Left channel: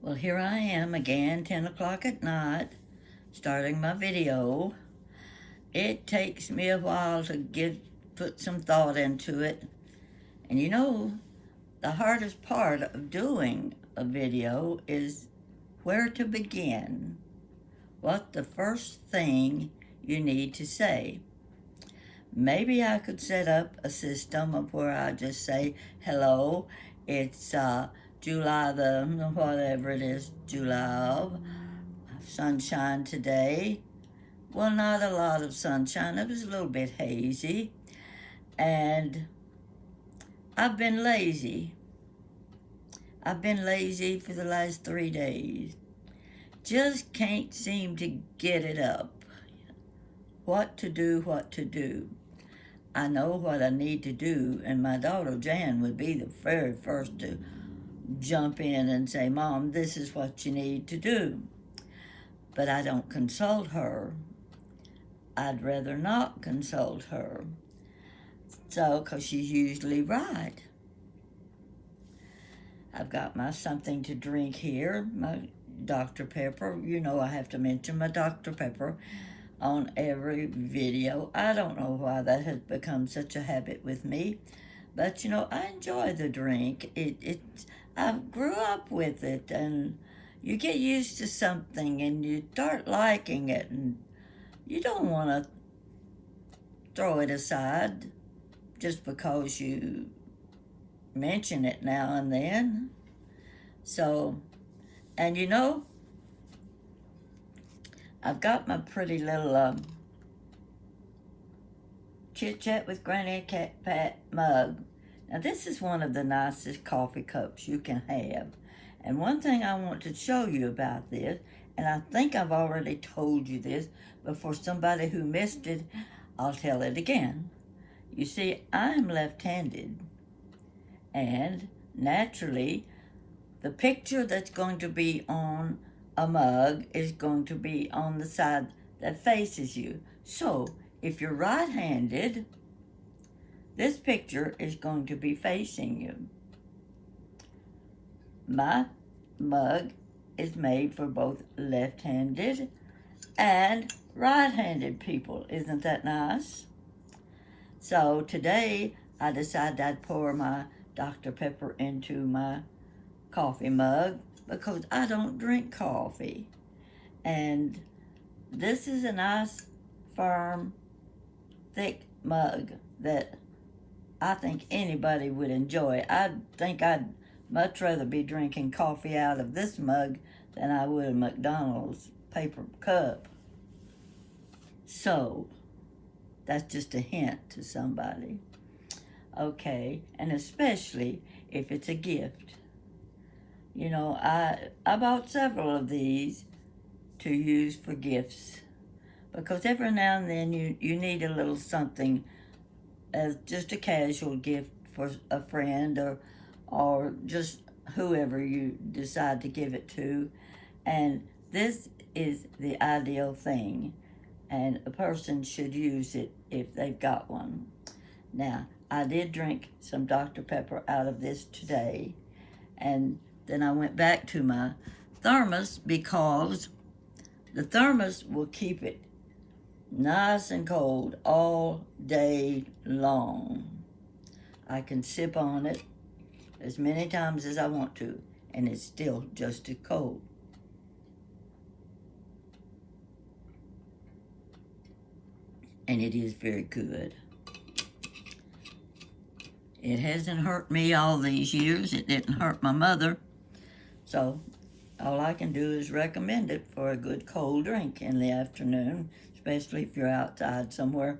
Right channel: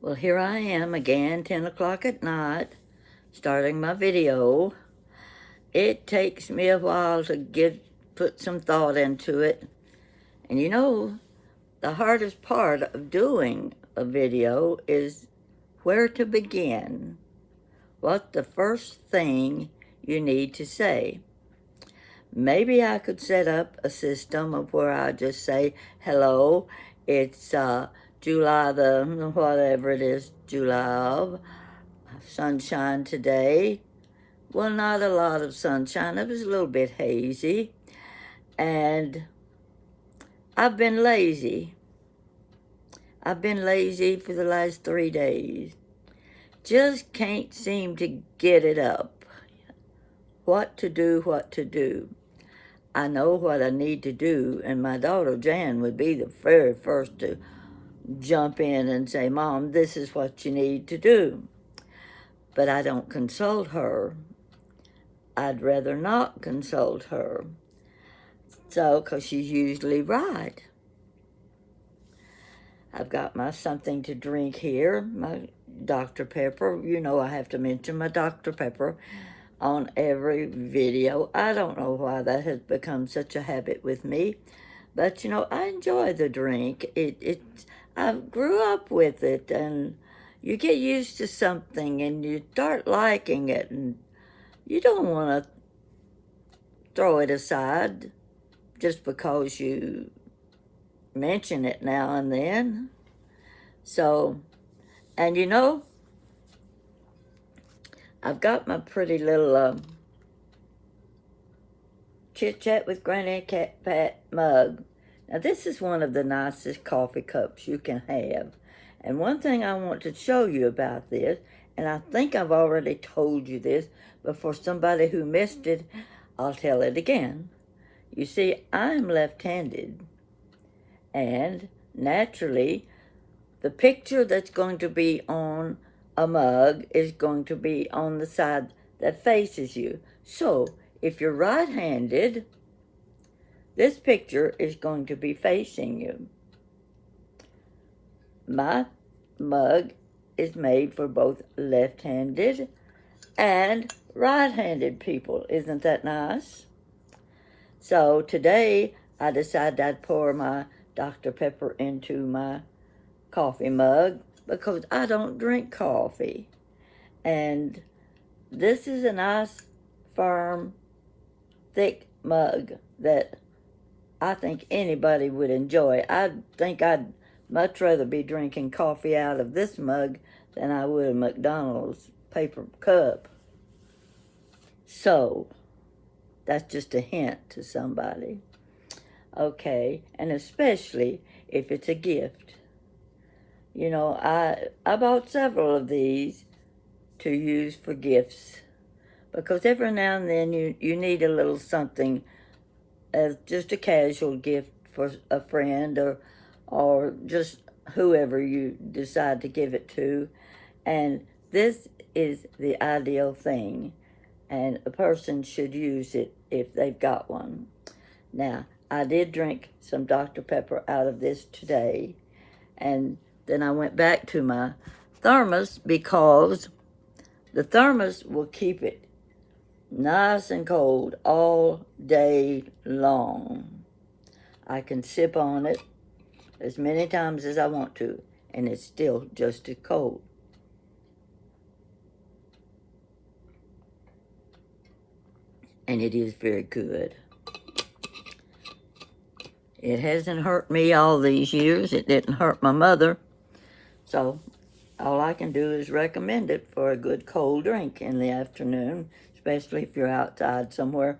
Well, here I am again, 10 o'clock at night, starting my video. It takes me a while to put some thought into it. And the hardest part of doing a video is where to begin. What the first thing you need to say. Maybe I could set up a system of where I just say, hello, it's July the whatever it is, July of, sunshine today. Well, not a lot of sunshine. It was a little bit hazy. And I've been lazy. I've been lazy for the last 3 days. Just can't seem to get it up. What to do. I know what I need to do, and my daughter Jan would be the very first to jump in and say, Mom, this is what you need to do. But I don't consult her. I'd rather not consult her. So, because she's usually right. I've got my something to drink here, my Dr. Pepper. You know I have to mention my Dr. Pepper on every video. I don't know why that has become such a habit with me. But, I enjoy the drink. I grew up with it, and you get used to something, and you start liking it, and you don't want to throw it aside just because you mention it now and then. So, and I've got my pretty little Chit Chat with Granny Cat Pat mug. Now, this is one of the nicest coffee cups you can have. And one thing I want to show you about this, and I think I've already told you this, but for somebody who missed it, I'll tell it again. You see, I'm left-handed, and naturally, the picture that's going to be on a mug is going to be on the side that faces you. So, if you're right-handed, this picture is going to be facing you. My mug is made for both left-handed and right-handed people. Isn't that nice? So today I decided I'd pour my Dr. Pepper into my coffee mug because I don't drink coffee. And this is a nice, firm, thick mug that I think anybody would enjoy. I think I'd much rather be drinking coffee out of this mug than I would a McDonald's paper cup. So, that's just a hint to somebody. Okay, and especially if it's a gift. I bought several of these to use for gifts because every now and then you need a little something as just a casual gift for a friend or just whoever you decide to give it to. And this is the ideal thing, and a person should use it if they've got one. Now, I did drink some Dr. Pepper out of this today, and then I went back to my thermos because the thermos will keep it nice and cold all day long. I can sip on it as many times as I want to, and it's still just as cold. And it is very good. It hasn't hurt me all these years. It didn't hurt my mother. So all I can do is recommend it for a good cold drink in the afternoon, especially if you're outside somewhere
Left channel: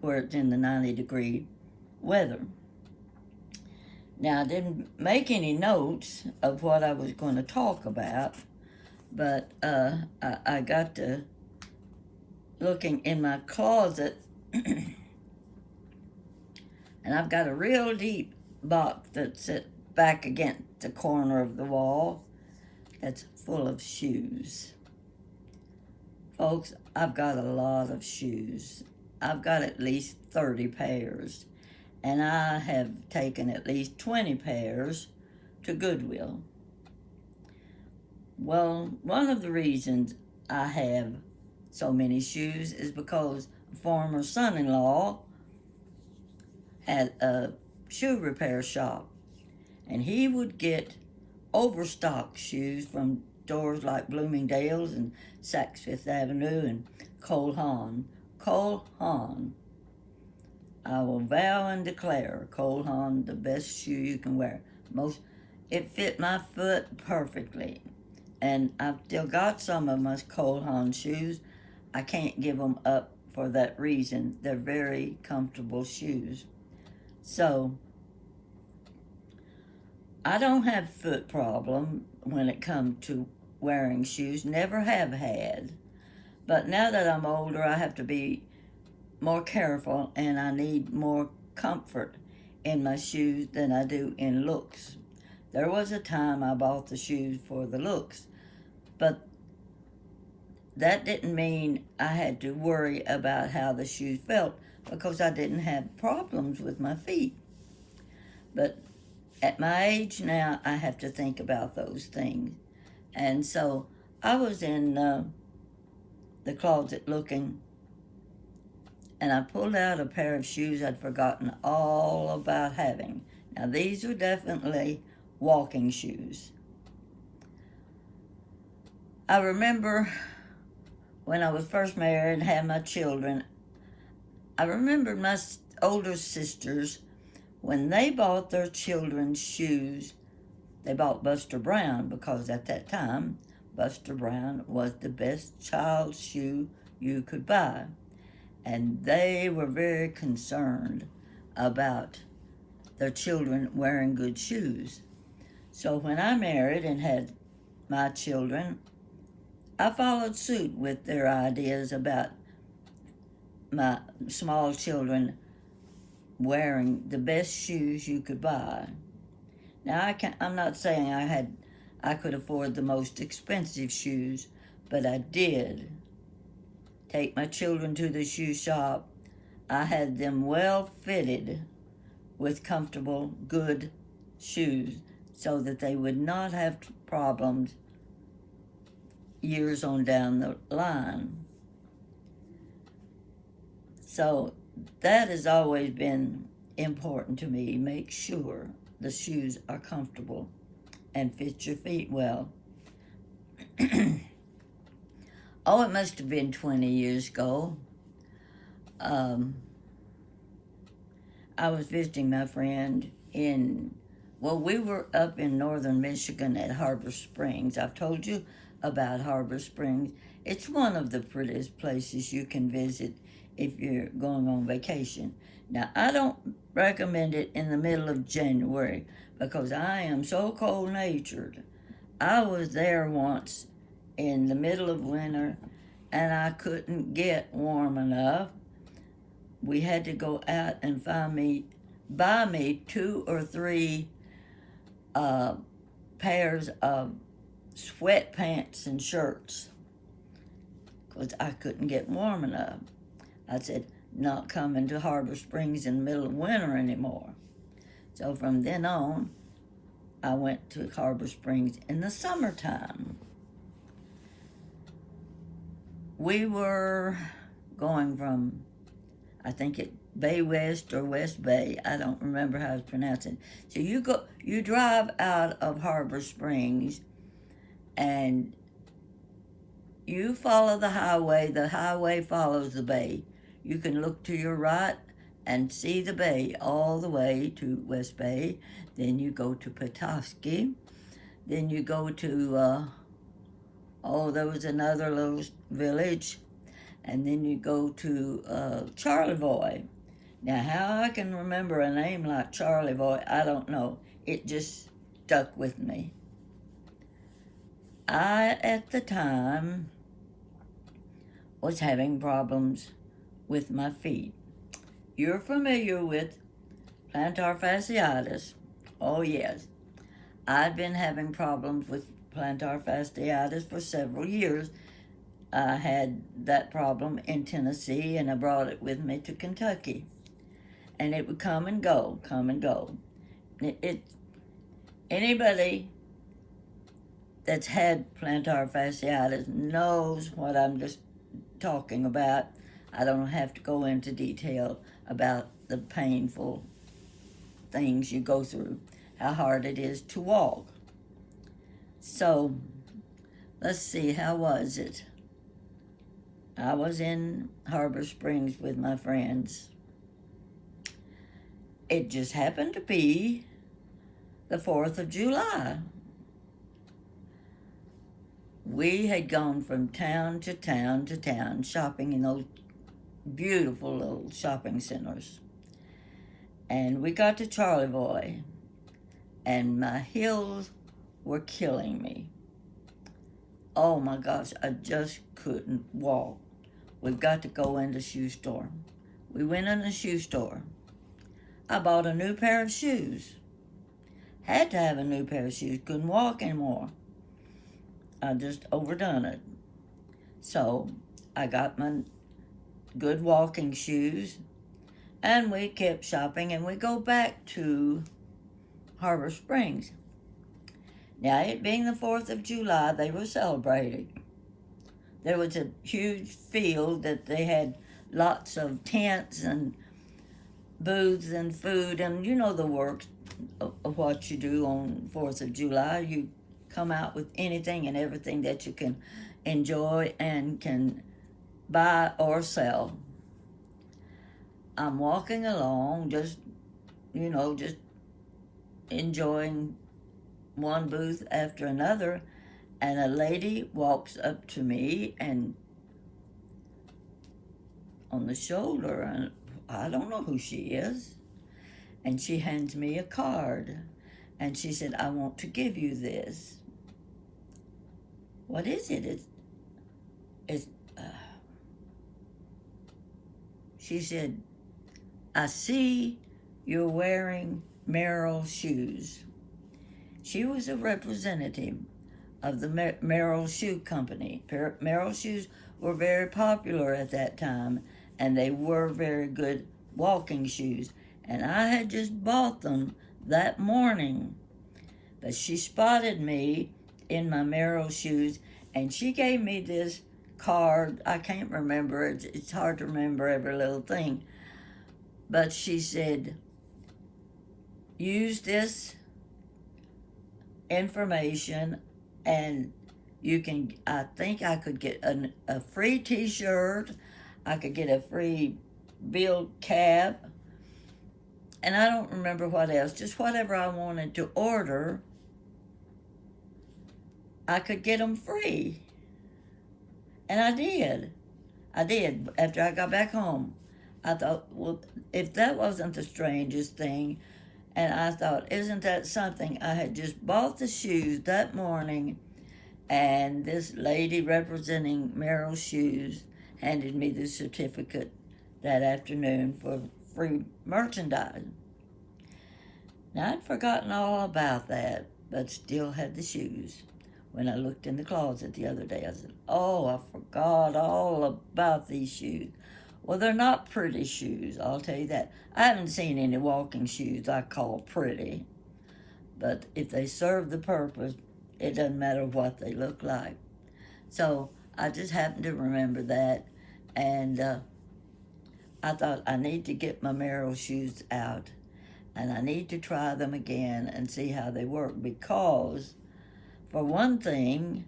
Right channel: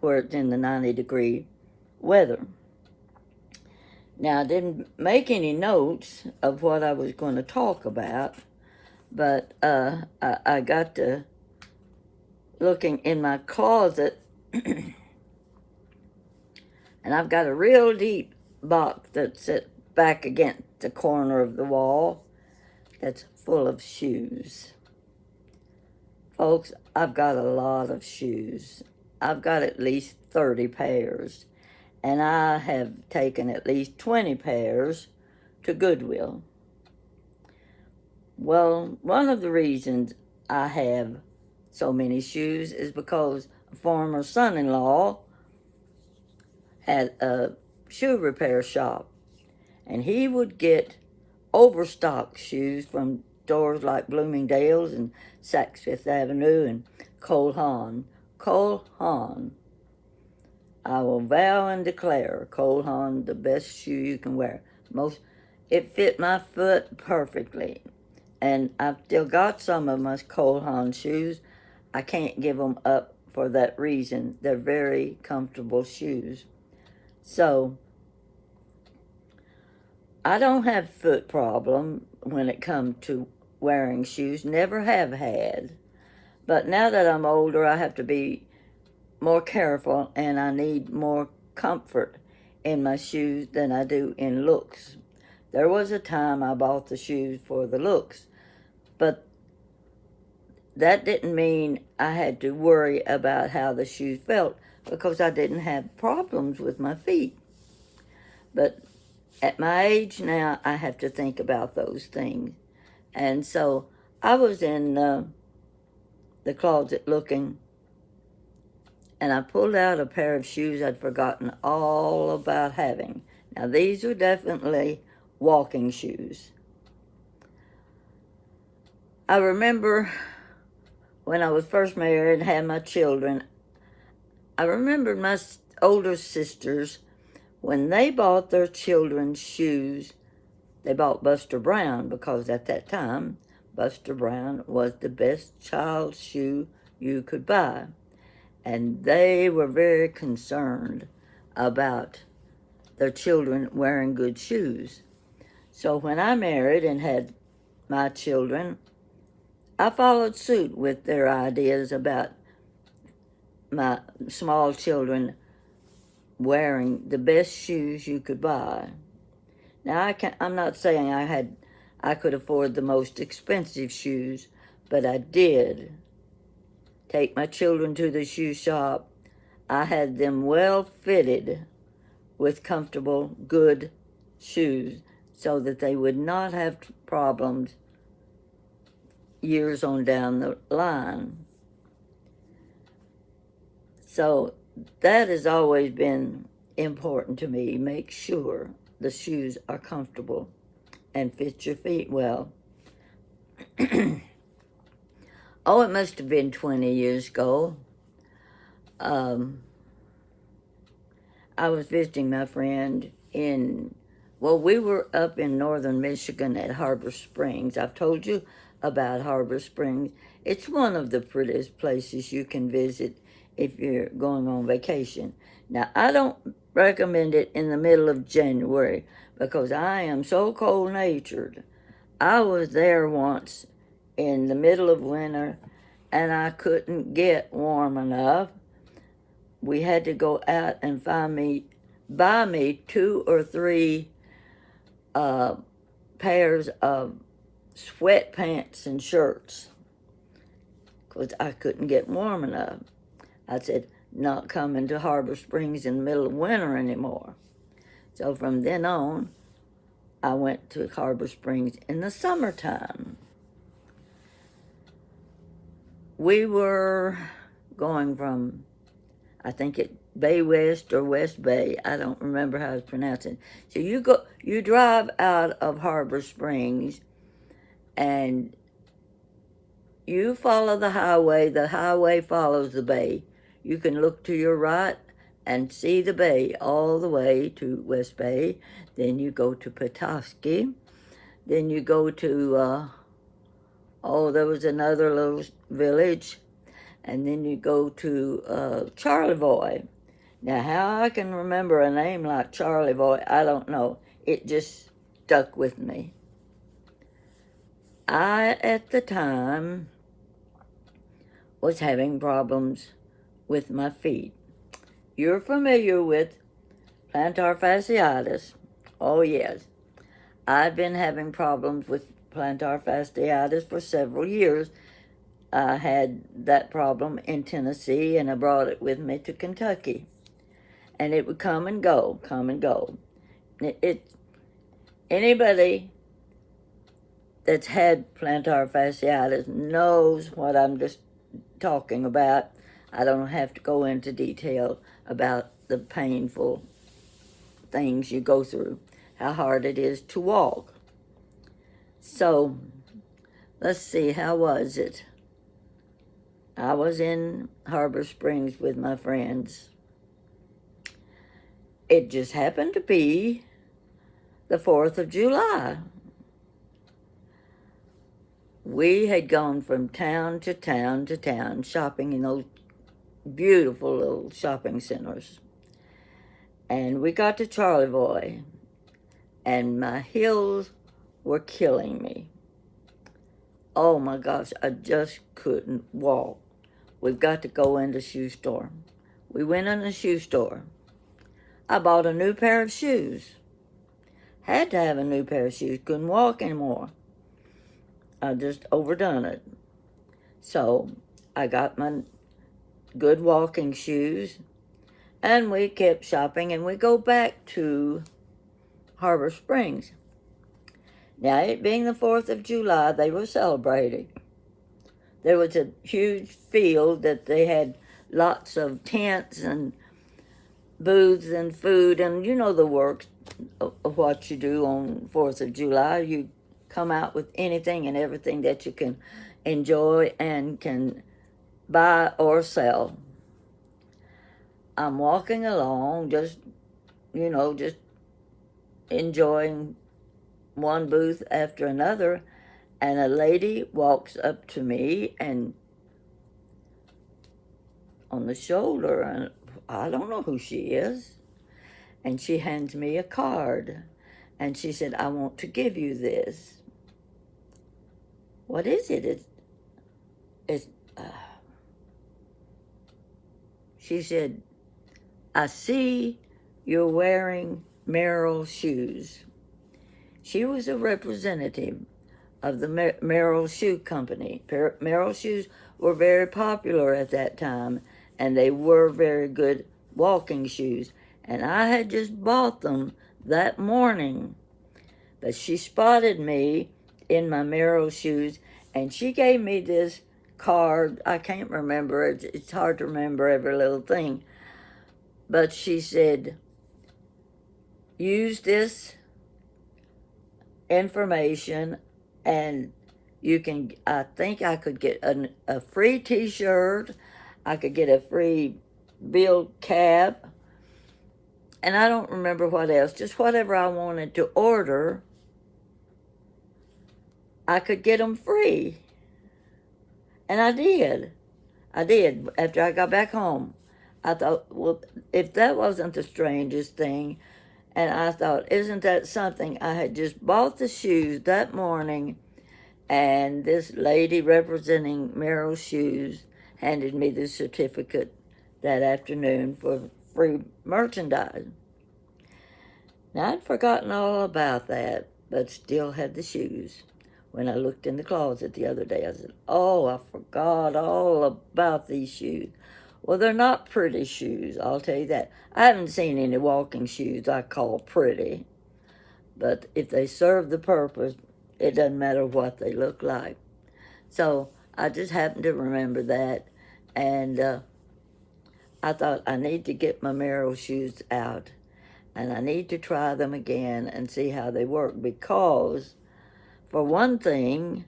where it's in the 90-degree weather. Now, I didn't make any notes of what I was going to talk about, but I got to looking in my closet, and I've got a real deep box that's set back against the corner of the wall that's full of shoes. Folks, I've got a lot of shoes. I've got at least 30 pairs, and I have taken at least 20 pairs to Goodwill. Well, one of the reasons I have so many shoes is because a former son-in-law had a shoe repair shop, and he would get overstocked shoes from stores like Bloomingdale's and Saks Fifth Avenue and Cole Haan. Cole Haan, I will vow and declare, Cole Haan, the best shoe you can wear. It fit my foot perfectly, and I've still got some of my Cole Haan shoes. I can't give them up for that reason. They're very comfortable shoes. So I don't have foot problem when it comes to wearing shoes. Never have had. But now that I'm older, I have to be more careful, and I need more comfort in my shoes than I do in looks. There was a time I bought the shoes for the looks, but that didn't mean I had to worry about how the shoes felt, because I didn't have problems with my feet. But at my age now, I have to think about those things. And so I was in the closet looking, and I pulled out a pair of shoes I'd forgotten all about having. Now, these are definitely walking shoes. I remember when I was first married and had my children, I remember my older sisters, when they bought their children's shoes, they bought Buster Brown, because at that time, Buster Brown was the best child's shoe you could buy. And they were very concerned about their children wearing good shoes. So when I married and had my children, I followed suit with their ideas about my small children wearing the best shoes you could buy. Now, I'm not saying I could afford the most expensive shoes, but I did take my children to the shoe shop. I had them well fitted with comfortable, good shoes so that they would not have problems years on down the line. So that has always been important to me. Make sure the shoes are comfortable and fit your feet well. Oh, it must have been 20 years ago. I was visiting my friend we were up in northern Michigan at Harbor Springs. I've told you about Harbor Springs. It's one of the prettiest places you can visit if you're going on vacation. Now, I don't recommend it in the middle of January because I am so cold-natured. I was there once in the middle of winter, and I couldn't get warm enough. We had to go out and buy me 2 or 3 pairs of sweatpants and shirts because I couldn't get warm enough. I said, not coming to Harbor Springs in the middle of winter anymore. So from then on, I went to Harbor Springs in the summertime. We were going from, I think it Bay West or West Bay. I don't remember how it's pronounced. So you drive out of Harbor Springs, and you follow the highway. The highway follows the bay. You can look to your right and see the bay all the way to West Bay. Then you go to Petoskey. Then you go to, there was another little village. And then you go to Charlevoix. Now, how I can remember a name like Charlevoix, I don't know. It just stuck with me. I, at the time, was having problems with my feet. You're familiar with plantar fasciitis. Oh, yes. I've been having problems with plantar fasciitis for several years. I had that problem in Tennessee, and I brought it with me to Kentucky. And it would come and go, come and go. Anybody that's had plantar fasciitis knows what I'm just talking about. I don't have to go into detail about the painful things you go through, how hard it is to walk. So, let's see, how was it? I was in Harbor Springs with my friends. It just happened to be the 4th of July. We had gone from town to town to town shopping in those beautiful little shopping centers. And we got to Charlevoix, and my heels were killing me. Oh my gosh, I just couldn't walk. We've got to go in the shoe store. We went in the shoe store. I bought a new pair of shoes. Had to have a new pair of shoes. Couldn't walk anymore. I just overdone it. So I got my good walking shoes, and we kept shopping, and we go back to Harbor Springs. Now, it being the 4th of July, they were celebrating. There was a huge field that they had lots of tents and booths and food, and you know the works of what you do on 4th of July. You come out with anything and everything that you can enjoy and can buy or sell. I'm walking along, just enjoying one booth after another, and a lady walks up to me and on the shoulder, and I don't know who she is, and she hands me a card, and she said, "I want to give you this." What is it? It's she said, "I see you're wearing Merrill shoes." She was a representative of the Merrill Shoe Company. Merrill shoes were very popular at that time, and they were very good walking shoes. And I had just bought them that morning. But she spotted me in my Merrill shoes, and she gave me this card. I can't remember it. It's hard to remember every little thing. But she said, "Use this information, and you can," I think I could get a free t-shirt, I could get a free bill cap, and I don't remember what else, just whatever I wanted to order, I could get them free. And I did. After I got back home. I thought, well, if that wasn't the strangest thing, and I thought, isn't that something? I had just bought the shoes that morning, and this lady representing Merrill Shoes handed me the certificate that afternoon for free merchandise. Now, I'd forgotten all about that, but still had the shoes. When I looked in the closet the other day, I said, "Oh, I forgot all about these shoes." Well, they're not pretty shoes, I'll tell you that. I haven't seen any walking shoes I call pretty, but if they serve the purpose, it doesn't matter what they look like. So I just happened to remember that, and I thought I need to get my Merrill shoes out, and I need to try them again and see how they work, because, for one thing,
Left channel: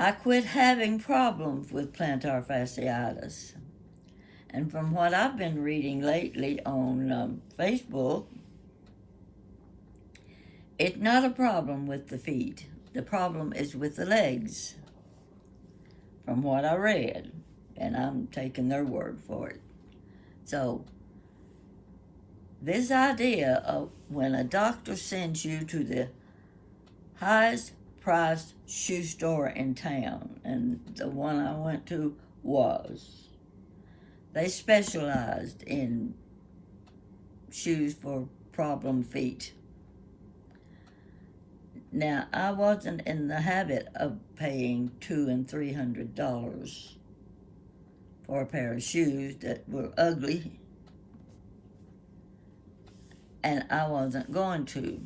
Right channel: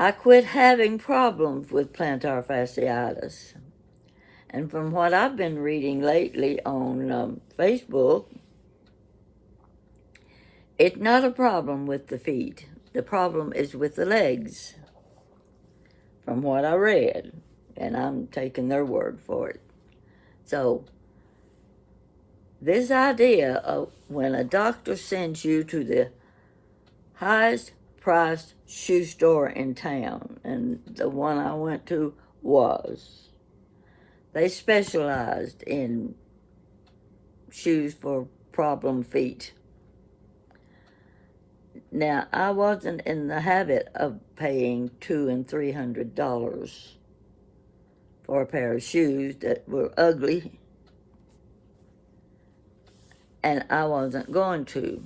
I quit having problems with plantar fasciitis. And from what I've been reading lately on Facebook, it's not a problem with the feet. The problem is with the legs, from what I read. And I'm taking their word for it. So, this idea of when a doctor sends you to the highest priced shoe store in town, and the one I went to was, they specialized in shoes for problem feet. Now, I wasn't in the habit of paying $200 and $300 for a pair of shoes that were ugly, and I wasn't going to.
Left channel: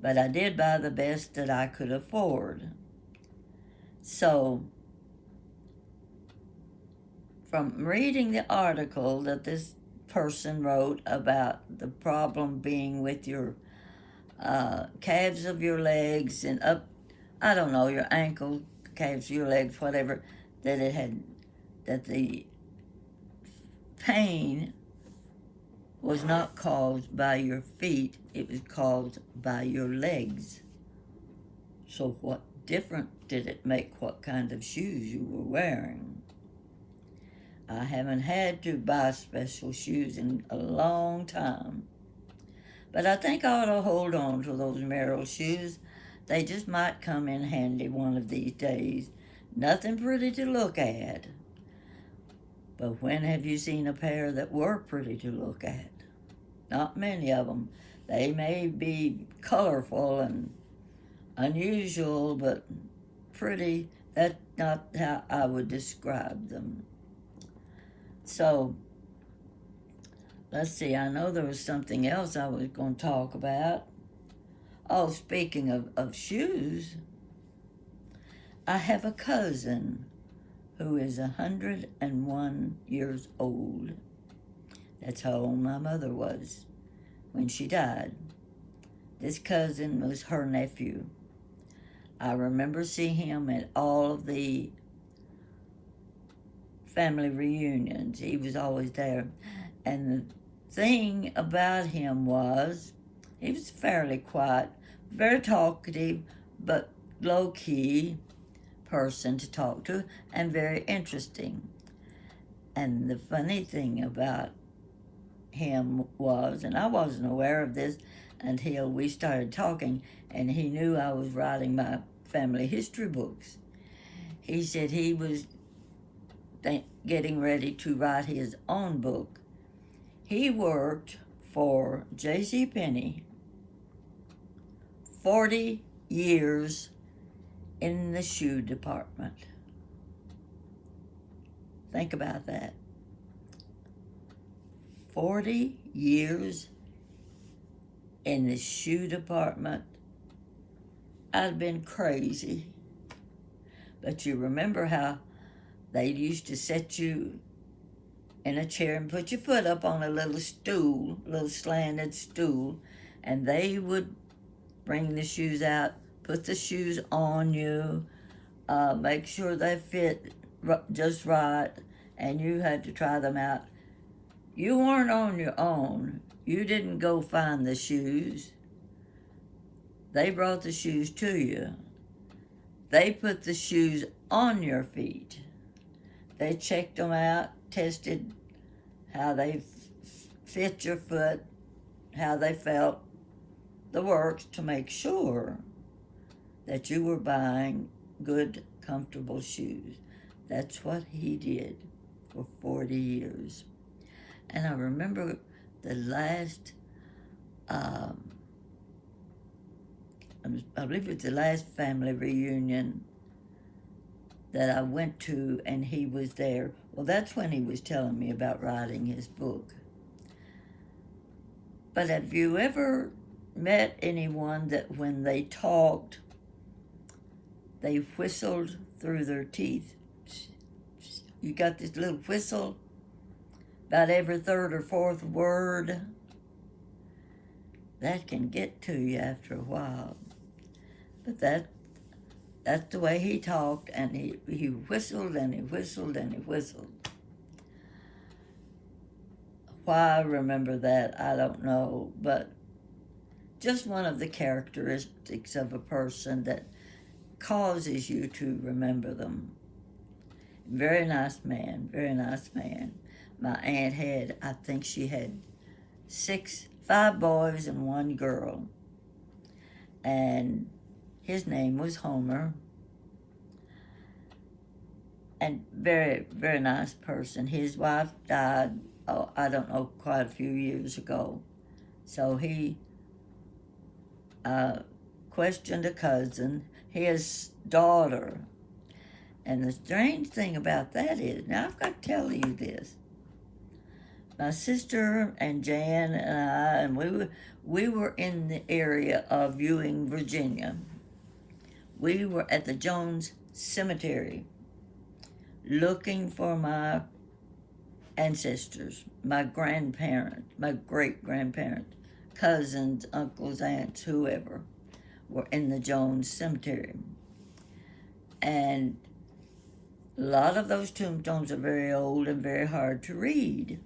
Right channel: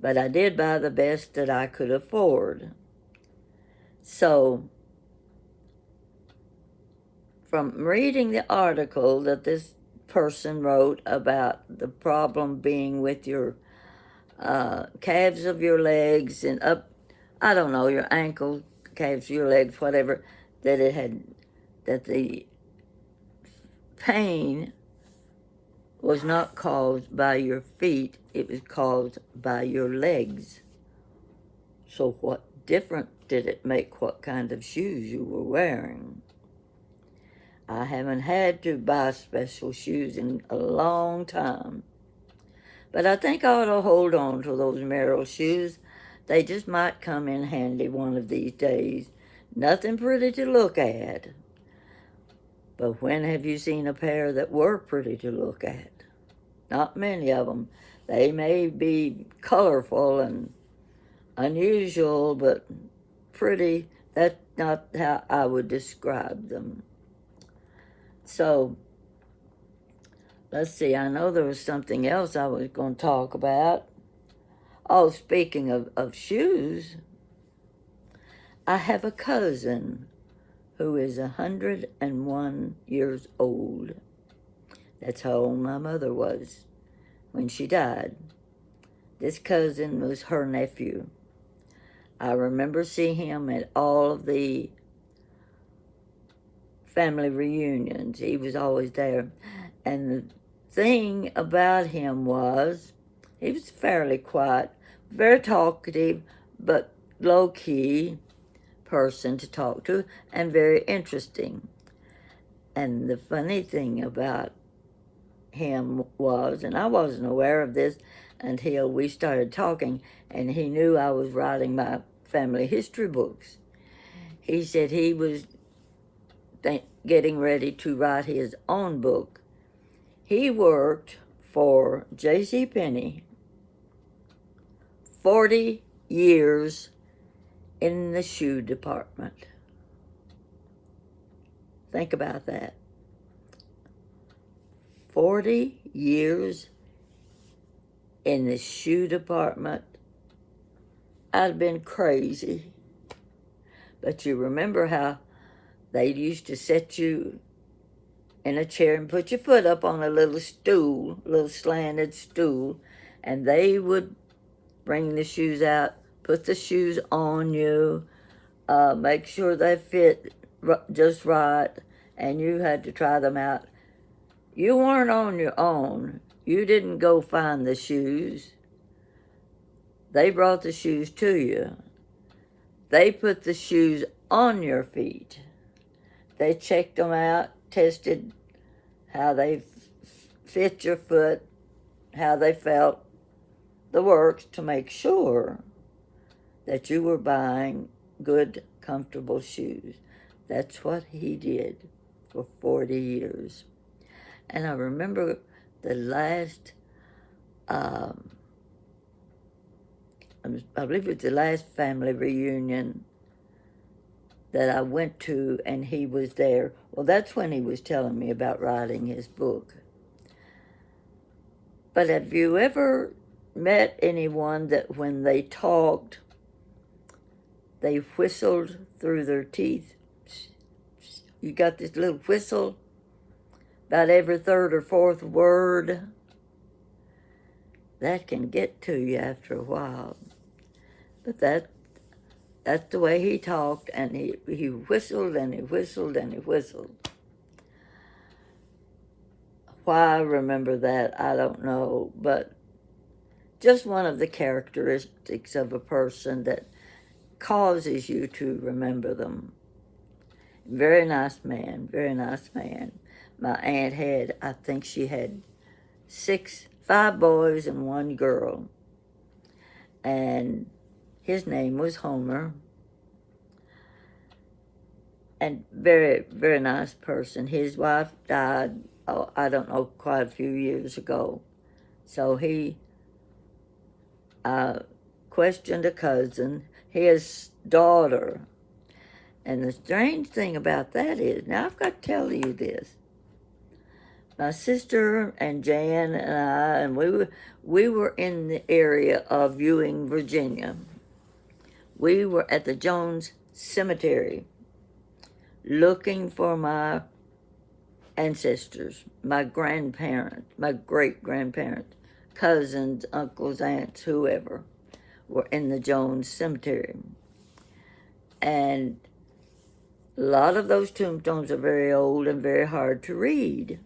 but I did buy the best that I could afford. So, from reading the article that this person wrote about the problem being with your calves of your legs and up, I don't know, your ankle, calves of your legs, whatever, that it had, that the pain was not caused by your feet, it was caused by your legs. So what difference did it make what kind of shoes you were wearing? I haven't had to buy special shoes in a long time. But I think I ought to hold on to those Merrill shoes. They just might come in handy one of these days. Nothing pretty to look at. But when have you seen a pair that were pretty to look at? Not many of them. They may be colorful and unusual, but pretty, that's not how I would describe them. So, let's see, I know there was something else I was going to talk about. Oh, speaking of shoes, I have a cousin who is 101 years old. That's how old my mother was when she died. This cousin was her nephew. I remember seeing him at all of the family reunions. He was always there. And the thing about him was, he was fairly quiet, very talkative, but low-key person to talk to, and very interesting. And the funny thing about him was, and I wasn't aware of this until we started talking, and he knew I was writing my family history books. He said he was getting ready to write his own book. He worked for J.C. Penney 40 years in the shoe department. Think about that. 40 years in the shoe department. I'd have been crazy. But you remember how they used to set you in a chair and put your foot up on a little stool, a little slanted stool, and they would bring the shoes out, put the shoes on you, make sure they fit just right, and you had to try them out. You weren't on your own. You didn't go find the shoes. They brought the shoes to you. They put the shoes on your feet. They checked them out, tested how they fit your foot, how they felt, the works, to make sure that you were buying good, comfortable shoes. That's what he did for 40 years. And I remember the last, I believe it was the last family reunion that I went to, and he was there. Well, that's when he was telling me about writing his book. But have you ever met anyone that when they talked, they whistled through their teeth? You got this little whistle about every third or fourth word. That can get to you after a while. But that's the way he talked, and he whistled and he whistled and he whistled. Why I remember that, I don't know, but just one of the characteristics of a person that causes you to remember them. Very nice man, very nice man. My aunt had, I think she had 5 boys and 1 girl. And his name was Homer. And very, very nice person. His wife died, I don't know, quite a few years ago. So he questioned a cousin, his daughter. And the strange thing about that is, now I've got to tell you this, my sister and Jan and I, and we were in the area of Ewing, Virginia. We were at the Jones Cemetery looking for my ancestors, my grandparents, my great-grandparents, cousins, uncles, aunts, whoever, were in the Jones Cemetery. And a lot of those tombstones are very old and very hard to read.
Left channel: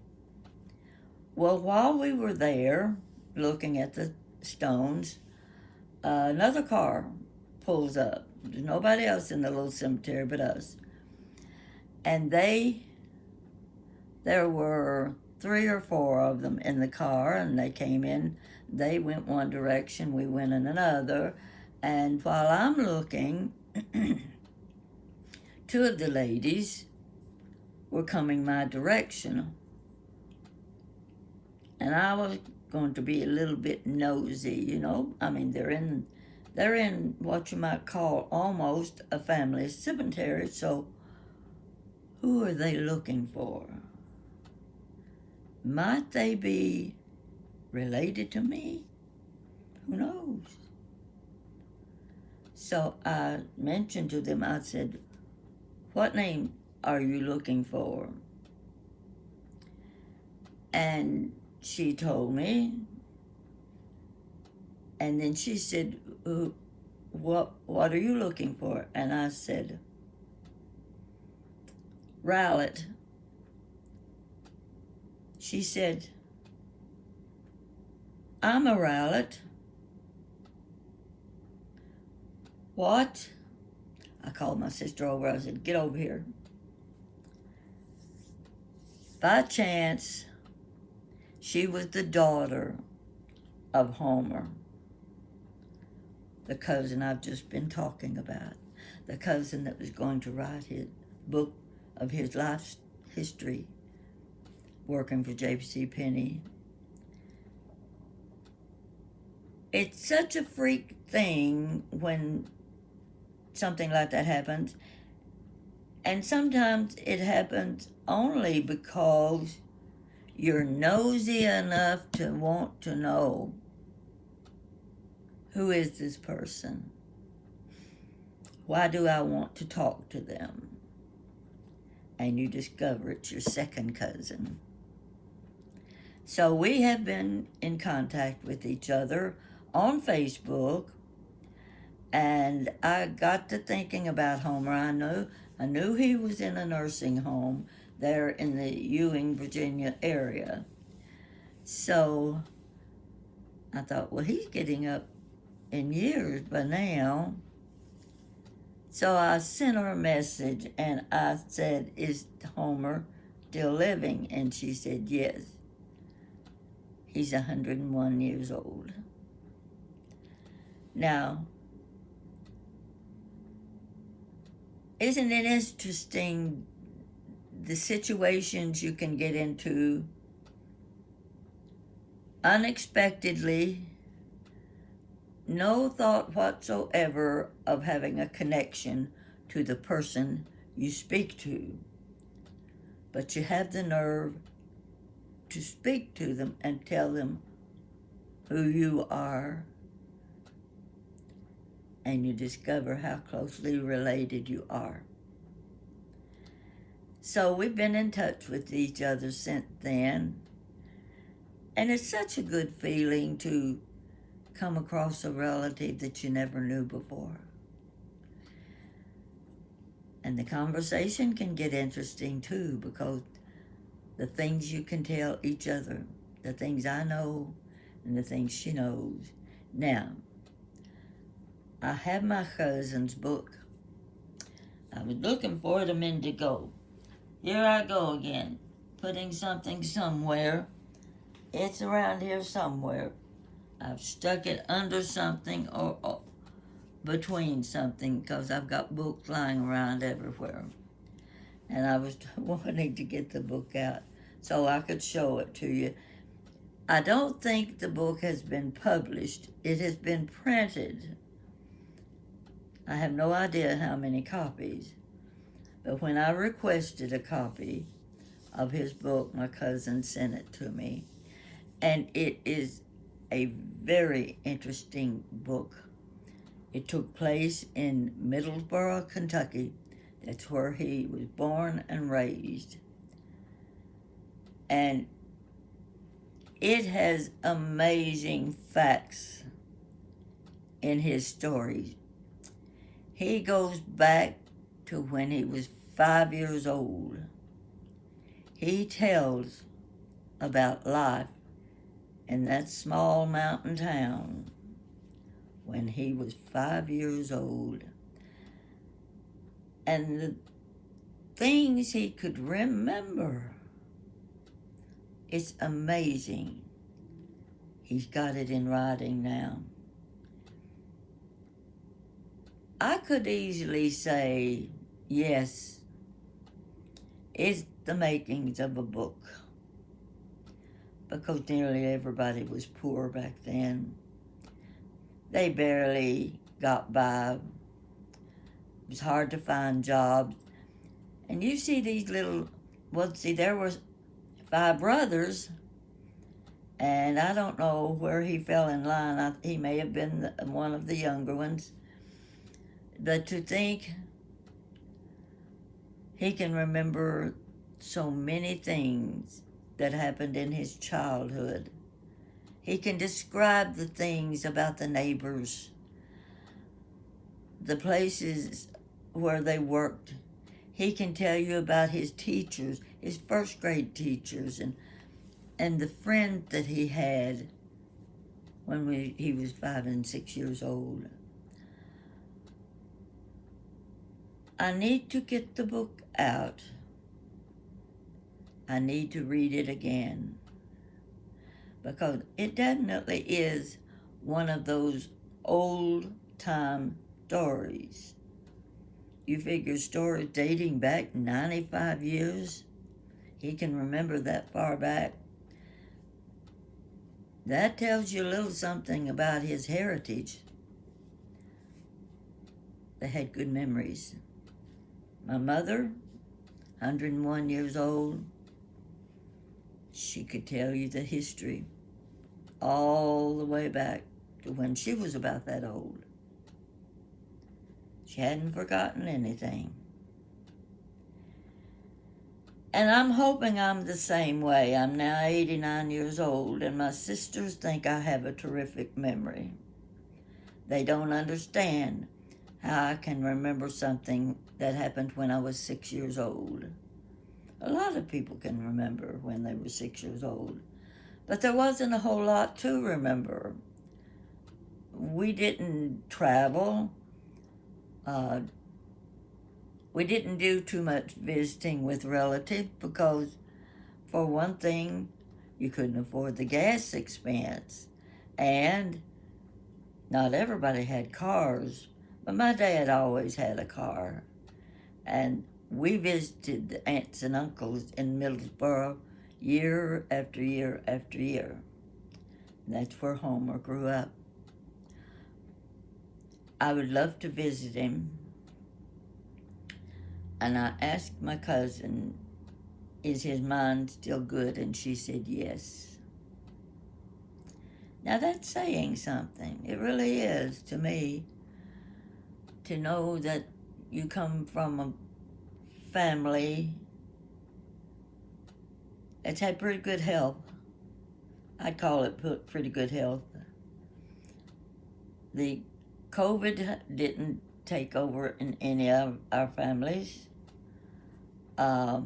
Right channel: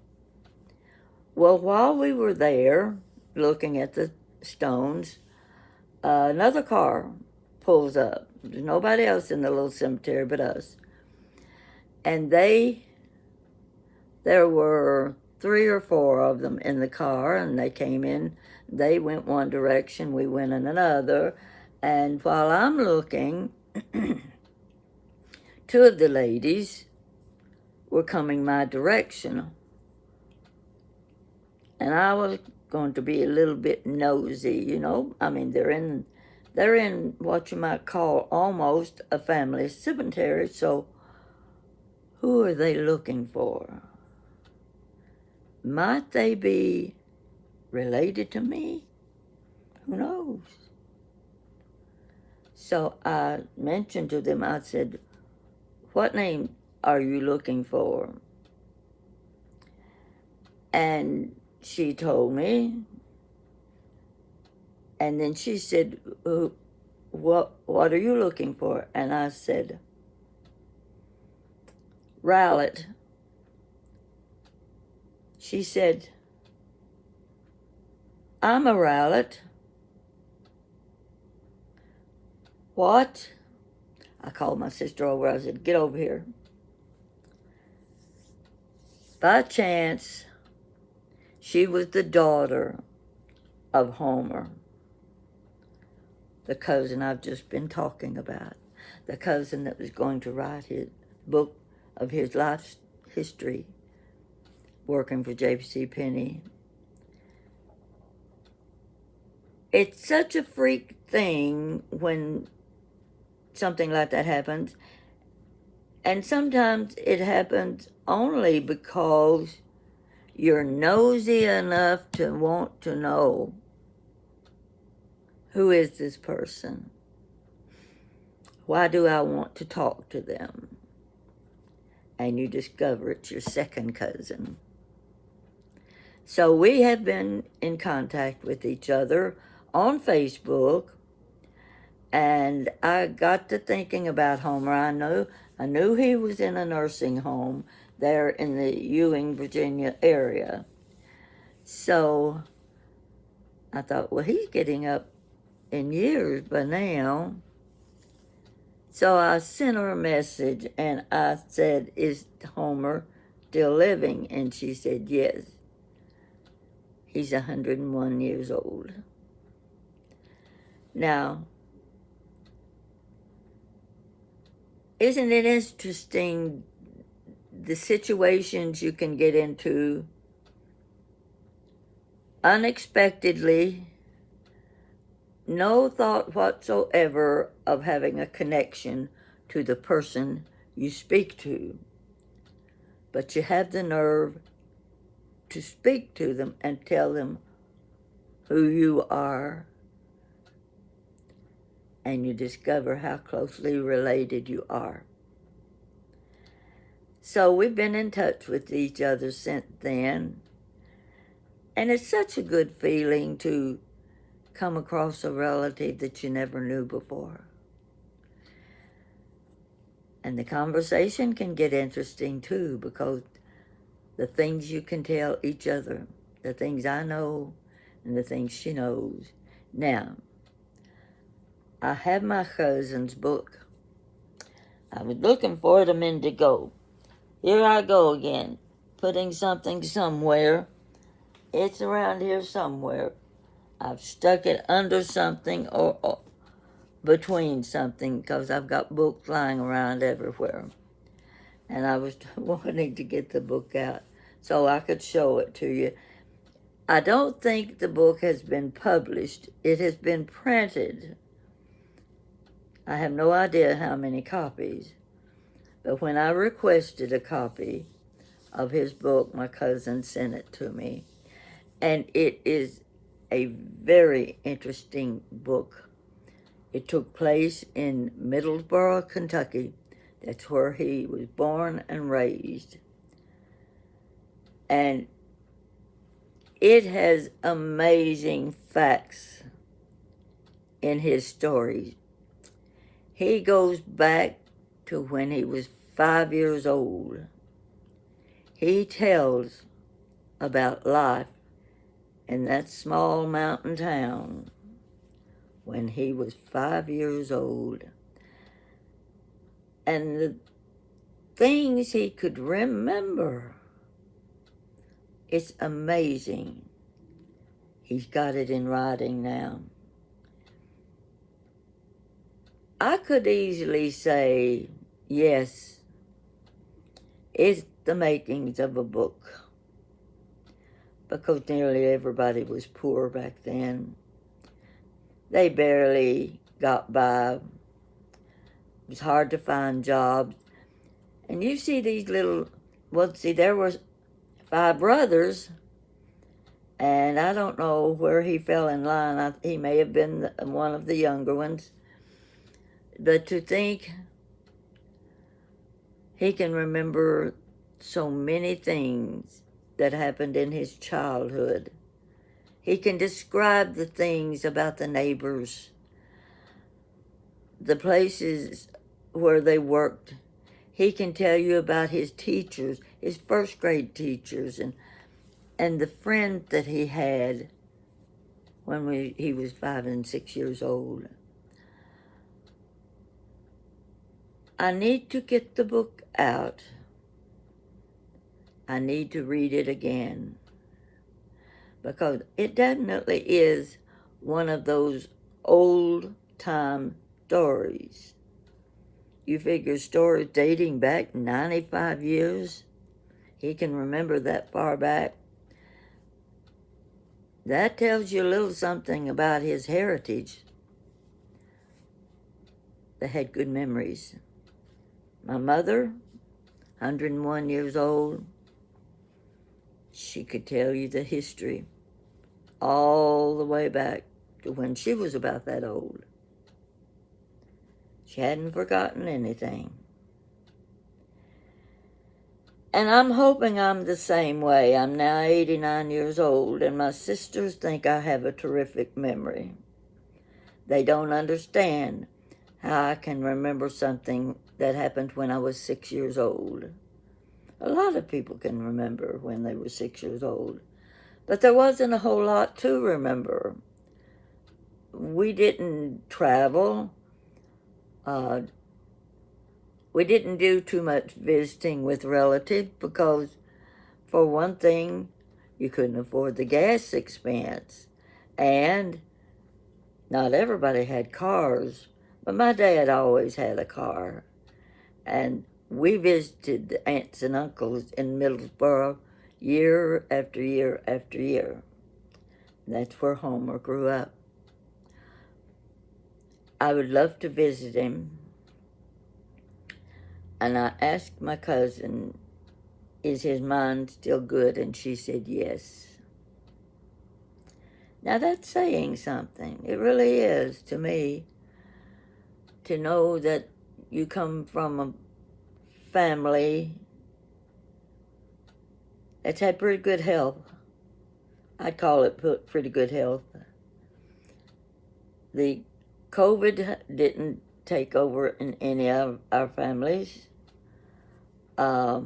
Well, while we were there looking at the stones, another car pulls up. There's nobody else in the little cemetery but us. And there were 3 or 4 of them in the car, and they came in. They went one direction, we went in another. And while I'm looking, 2 of the ladies were coming my direction. And I was going to be a little bit nosy, you know. I mean, they're in what you might call almost a family cemetery, so who are they looking for? Might they be related to me? Who knows? So I mentioned to them, I said, what name are you looking for? And she told me, and then she said, what are you looking for? And I said, Rowlett. She said, I'm a Rowlett. What? I called my sister over. I said, get over here. By chance, she was the daughter of Homer, the cousin I've just been talking about, the cousin that was going to write his book of his life history, working for J.C. Penney. It's such a freak thing when something like that happens, and sometimes it happens only because you're nosy enough to want to know, who is this person? Why do I want to talk to them? And you discover it's your second cousin. So we have been in contact with each other on Facebook, and I got to thinking about Homer. I knew he was in a nursing home there in the Ewing, Virginia area. So I thought, well, he's getting up in years by now. So I sent her a message, and I said, is Homer still living? And she said, yes. He's 101 years old. Now, isn't it interesting the situations you can get into unexpectedly, no thought whatsoever of having a connection to the person you speak to, but you have the nerve to speak to them and tell them who you are, and you discover how closely related you are. So we've been in touch with each other since then, and it's such a good feeling to come across a relative that you never knew before. And the conversation can get interesting too, because the things you can tell each other, the things I know and the things she knows. Now, I have my cousin's book. I was looking for it a minute ago. Here I go again, putting something somewhere. It's around here somewhere. I've stuck it under something or between something, because I've got books lying around everywhere. And I was wanting to get the book out so I could show it to you. I don't think the book has been published. It has been printed. I have no idea how many copies. But when I requested a copy, of his book. My cousin sent it to me. And it is a very interesting book. It took place in Middlesboro, Kentucky. That's where he was born and raised. And it has amazing facts in his stories. He goes back to when he was 5 years old. He tells about life in that small mountain town when he was 5 years old. And the things he could remember, it's amazing. He's got it in writing now. I could easily say, yes, it's the makings of a book, because nearly everybody was poor back then. They barely got by. It was hard to find jobs. And you see these little, there were 5 brothers, and I don't know where he fell in line. He may have been one of the younger ones. But to think he can remember so many things that happened in his childhood. He can describe the things about the neighbors, the places where they worked. He can tell you about his teachers, his first grade teachers, and the friend that he had when he was 5 and 6 years old. I need to get the book out. I need to read it again, because it definitely is one of those old-time stories. You figure stories dating back 95 years, he can remember that far back. That tells you a little something about his heritage. They had good memories. My mother, 101 years old, she could tell you the history all the way back to when she was about that old. She hadn't forgotten anything. And I'm hoping I'm the same way. I'm now 89 years old, and my sisters think I have a terrific memory. They don't understand how I can remember something that happened when I was 6 years old. A lot of people can remember when they were 6 years old, but there wasn't a whole lot to remember. We didn't travel. We didn't do too much visiting with relatives because, for one thing, you couldn't afford the gas expense, and not everybody had cars, but my dad always had a car, and we visited the aunts and uncles in Middlesboro year after year after year. That's where Homer grew up. I would love to visit him, and I asked my cousin, is his mind still good? And she said yes. Now that's saying something. It really is to me, to know that you come from a family that's had pretty good health. I'd call it pretty good health. The COVID didn't take over in any of our families. I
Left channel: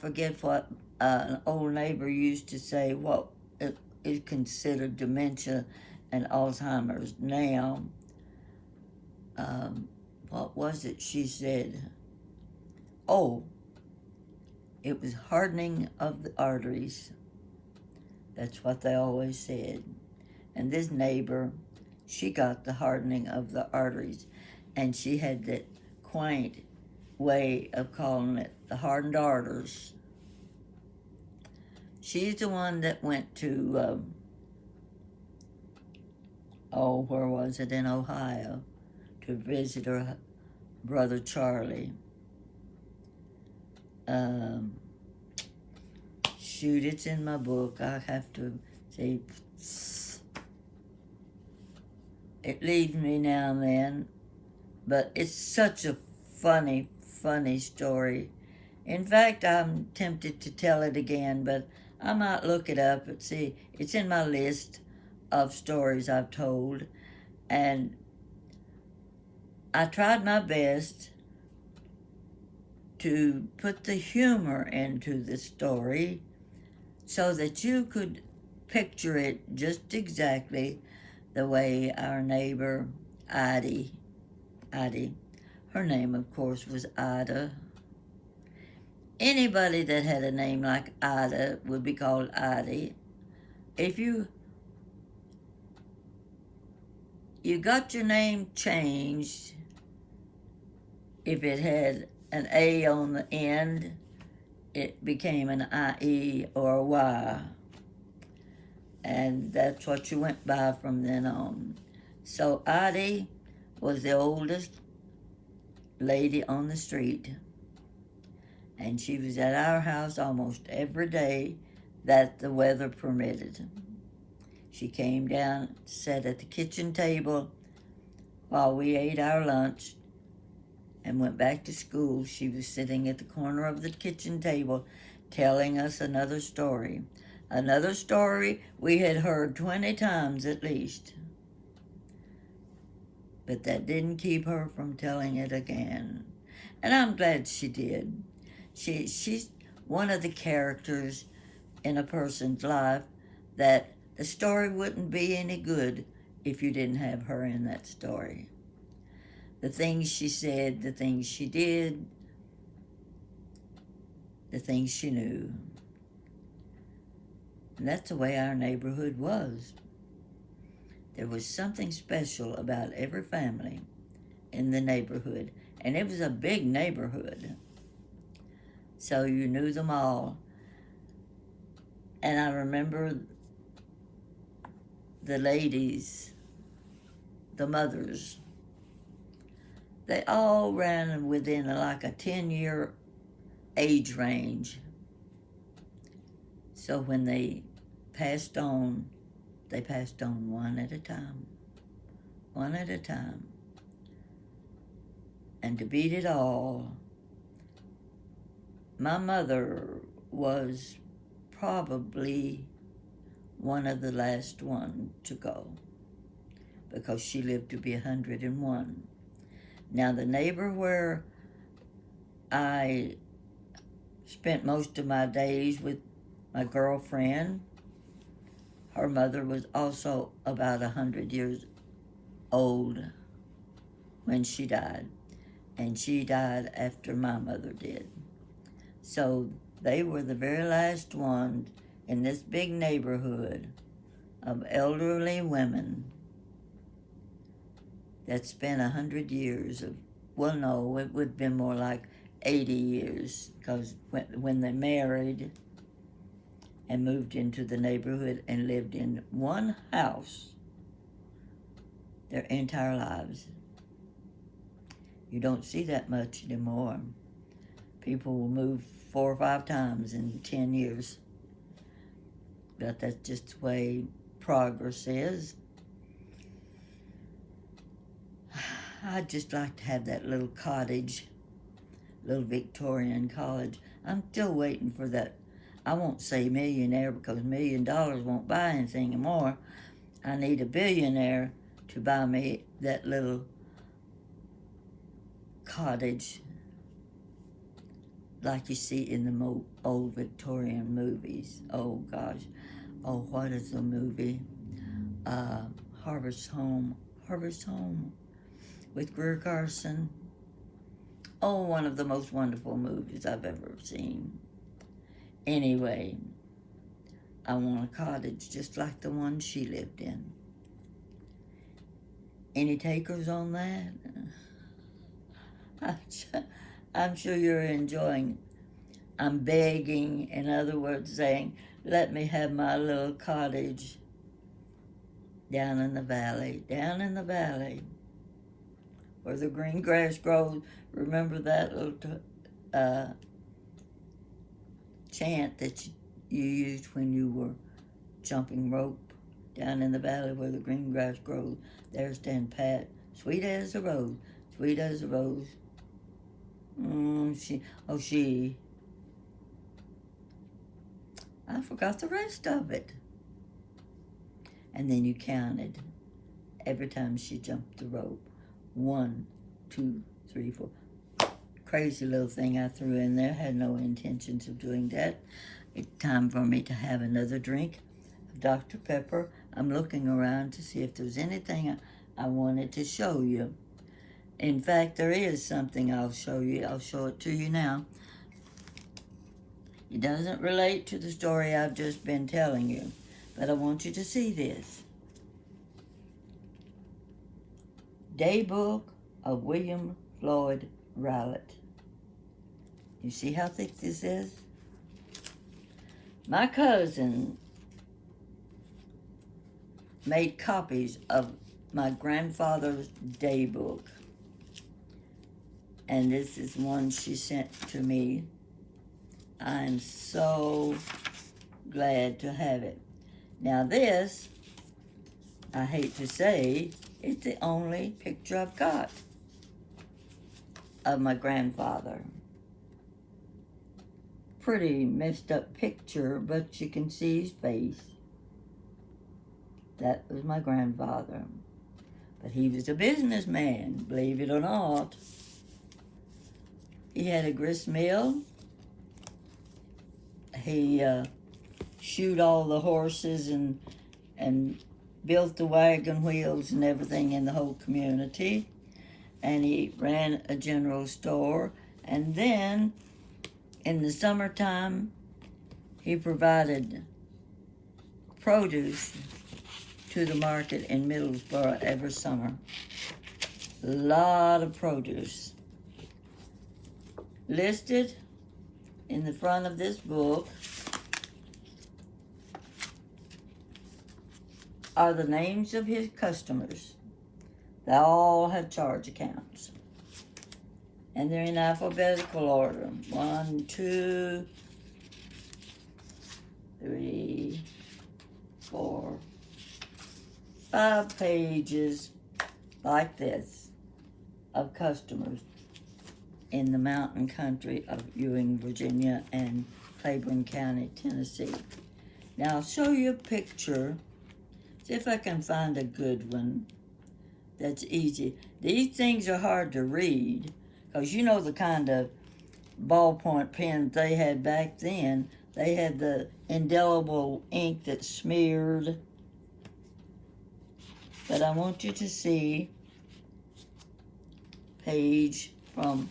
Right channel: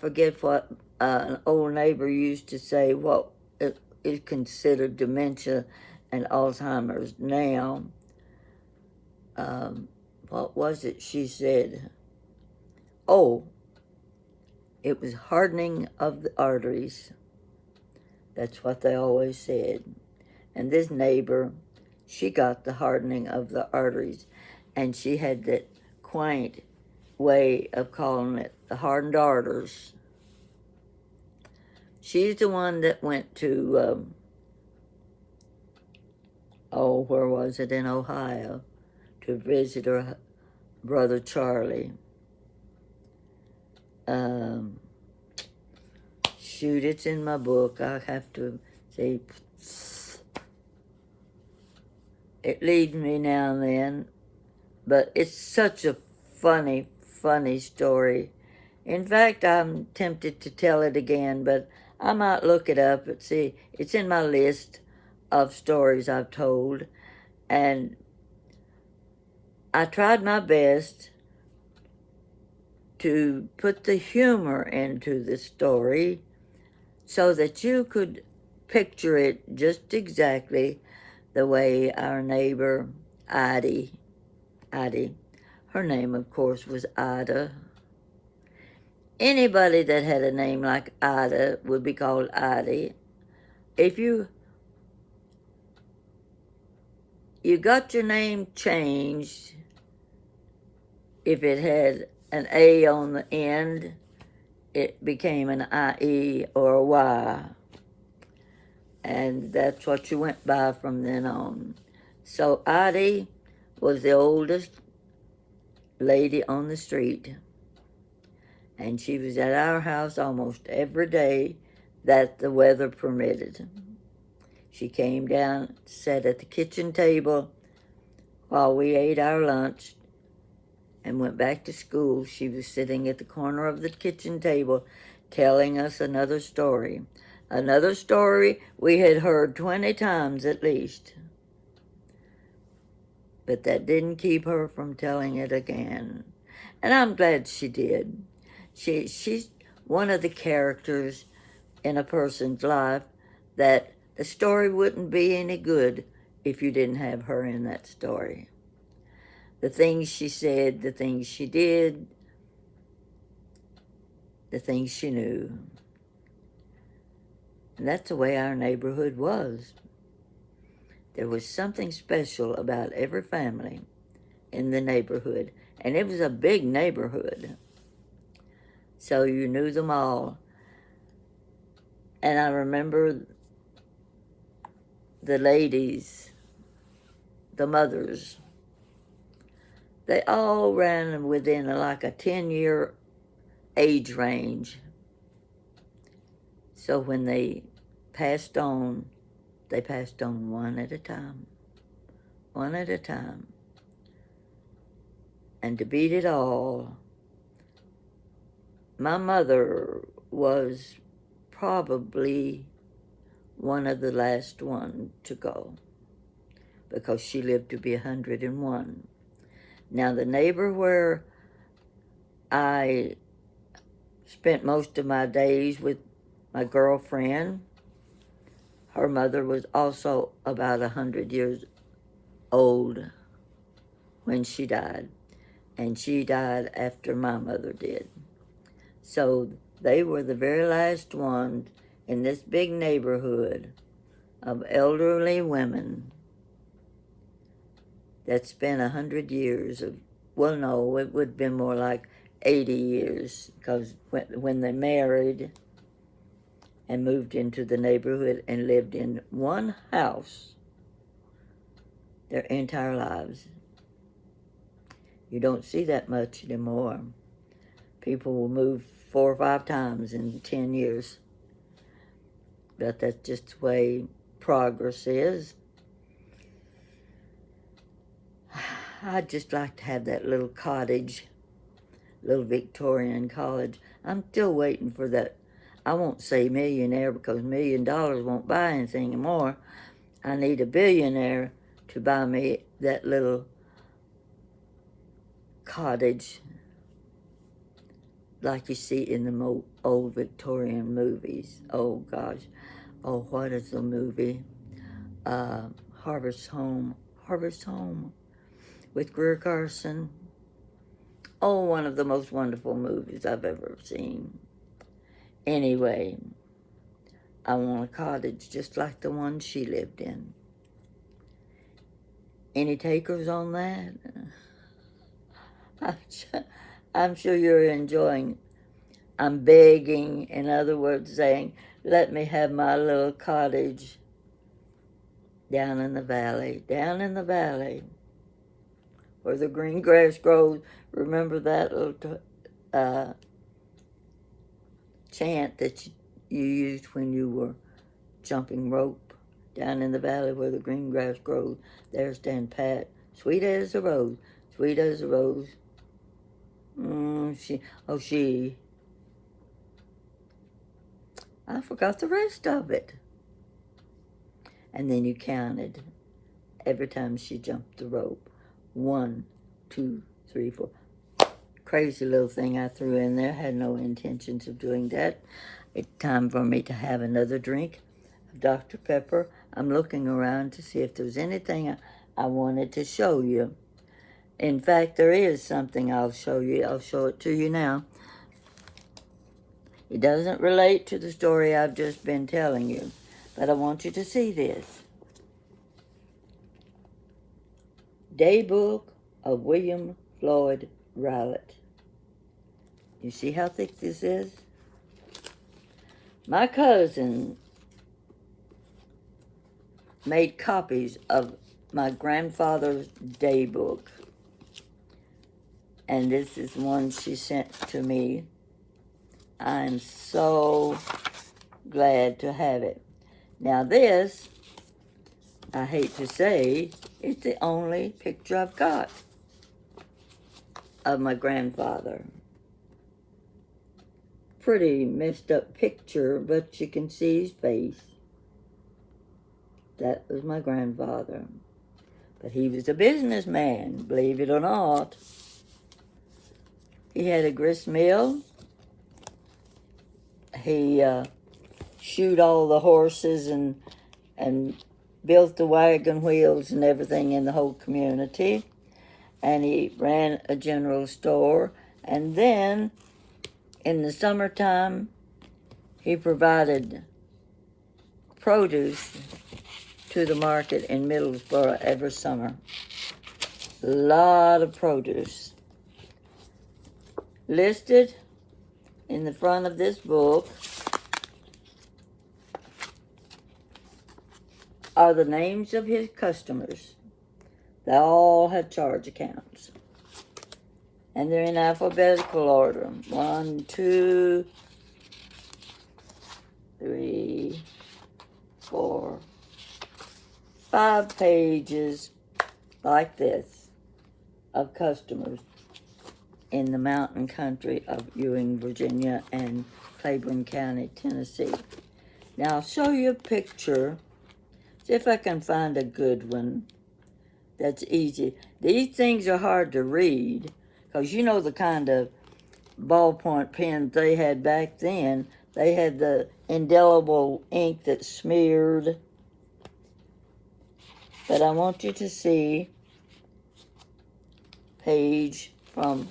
forget what an old neighbor used to say, what is considered dementia and Alzheimer's now. What was it she said? Oh, it was hardening of the arteries. That's what they always said. And this neighbor, she got the hardening of the arteries, and she had that quaint way of calling it the hardened arteries. She's the one that went to, where was it, in Ohio, to visit her Brother Charlie. Um, Shoot, it's in my book. I have to see. It leads me now and then, but it's such a funny, funny story. In fact, I'm tempted to tell it again, but I might look it up and see. It's in my list of stories I've told, and I tried my best to put the humor into the story so that you could picture it just exactly the way our neighbor Ida, her name of course was Ida. Anybody that had a name like Ida would be called Ida. If you got your name changed, if it had an A on the end, it became an IE or a Y. And that's what you went by from then on. So Ida was the oldest lady on the street, and she was at our house almost every day that the weather permitted. She came down, sat at the kitchen table while we ate our lunch and went back to school. She was sitting at the corner of the kitchen table telling us another story. Another story we had heard 20 times at least. But that didn't keep her from telling it again. And I'm glad she did. She's one of the characters in a person's life that the story wouldn't be any good if you didn't have her in that story. The things she said, the things she did, the things she knew. And that's the way our neighborhood was. There was something special about every family in the neighborhood, and it was a big neighborhood. So you knew them all. And I remember the ladies, the mothers, they all ran within like a 10-year age range. So when they passed on, they passed on one at a time. One at a time. And to beat it all, my mother was probably one of the last one to go because she lived to be 101. Now the neighbor where I spent most of my days with my girlfriend, her mother was also about 100 years old when she died, and she died after my mother did. So they were the very last ones in this big neighborhood of elderly women that spent 100 years of, well, no, it would have been more like 80 years, because when they married and moved into the neighborhood and lived in one house their entire lives. You don't see that much anymore. People will move 4 or 5 times in 10 years. But that's just the way progress is. I'd just like to have that little cottage, little Victorian cottage. I'm still waiting for that. I won't say millionaire because $1 million won't buy anything anymore. I need a billionaire to buy me that little cottage like you see in the old Victorian movies. Oh gosh. Oh, what is the movie? Harvest Home with Greer Garson. Oh, one of the most wonderful movies I've ever seen. Anyway, I want a cottage just like the one she lived in. Any takers on that? I'm sure you're enjoying. I'm begging, in other words, saying, let me have my little cottage down in the valley, where the green grass grows. Remember that little chant that you used when you were jumping rope? Down in the valley where the green grass grows, there stand Pat, sweet as a rose, sweet as a rose. I forgot the rest of it. And then you counted every time she jumped the rope. 1, 2, 3, 4. Crazy little thing I threw in there. Had no intentions of doing that. It's time for me to have another drink of Dr. Pepper. I'm looking around to see if there's anything I wanted to show you. In fact, there is something I'll show you. I'll show it to you now. It doesn't relate to the story I've just been telling you, but I want you to see this. Daybook of William Floyd Rowlett. You see how thick this is? My cousin made copies of my grandfather's daybook, and this is one she sent to me. I'm so glad to have it. Now this, I hate to say, is the only picture I've got of my grandfather. Pretty messed up picture, but you can see his face. That was my grandfather. But he was a businessman, believe it or not. He had a grist mill. He shoed all the horses and built the wagon wheels and everything in the whole community. And he ran a general store. And then in the summertime, he provided produce to the market in Middlesboro every summer. A lot of produce. Listed in the front of this book are the names of his customers. They all had charge accounts. And they're in alphabetical order. 1, 2, 3, 4, 5 pages like this of customers in the mountain country of Ewing, Virginia, and Claiborne County, Tennessee. Now I'll show you a picture. See if I can find a good one that's easy. These things are hard to read because you know the kind of ballpoint pens they had back then. They had the indelible ink that smeared. But I want you to see page from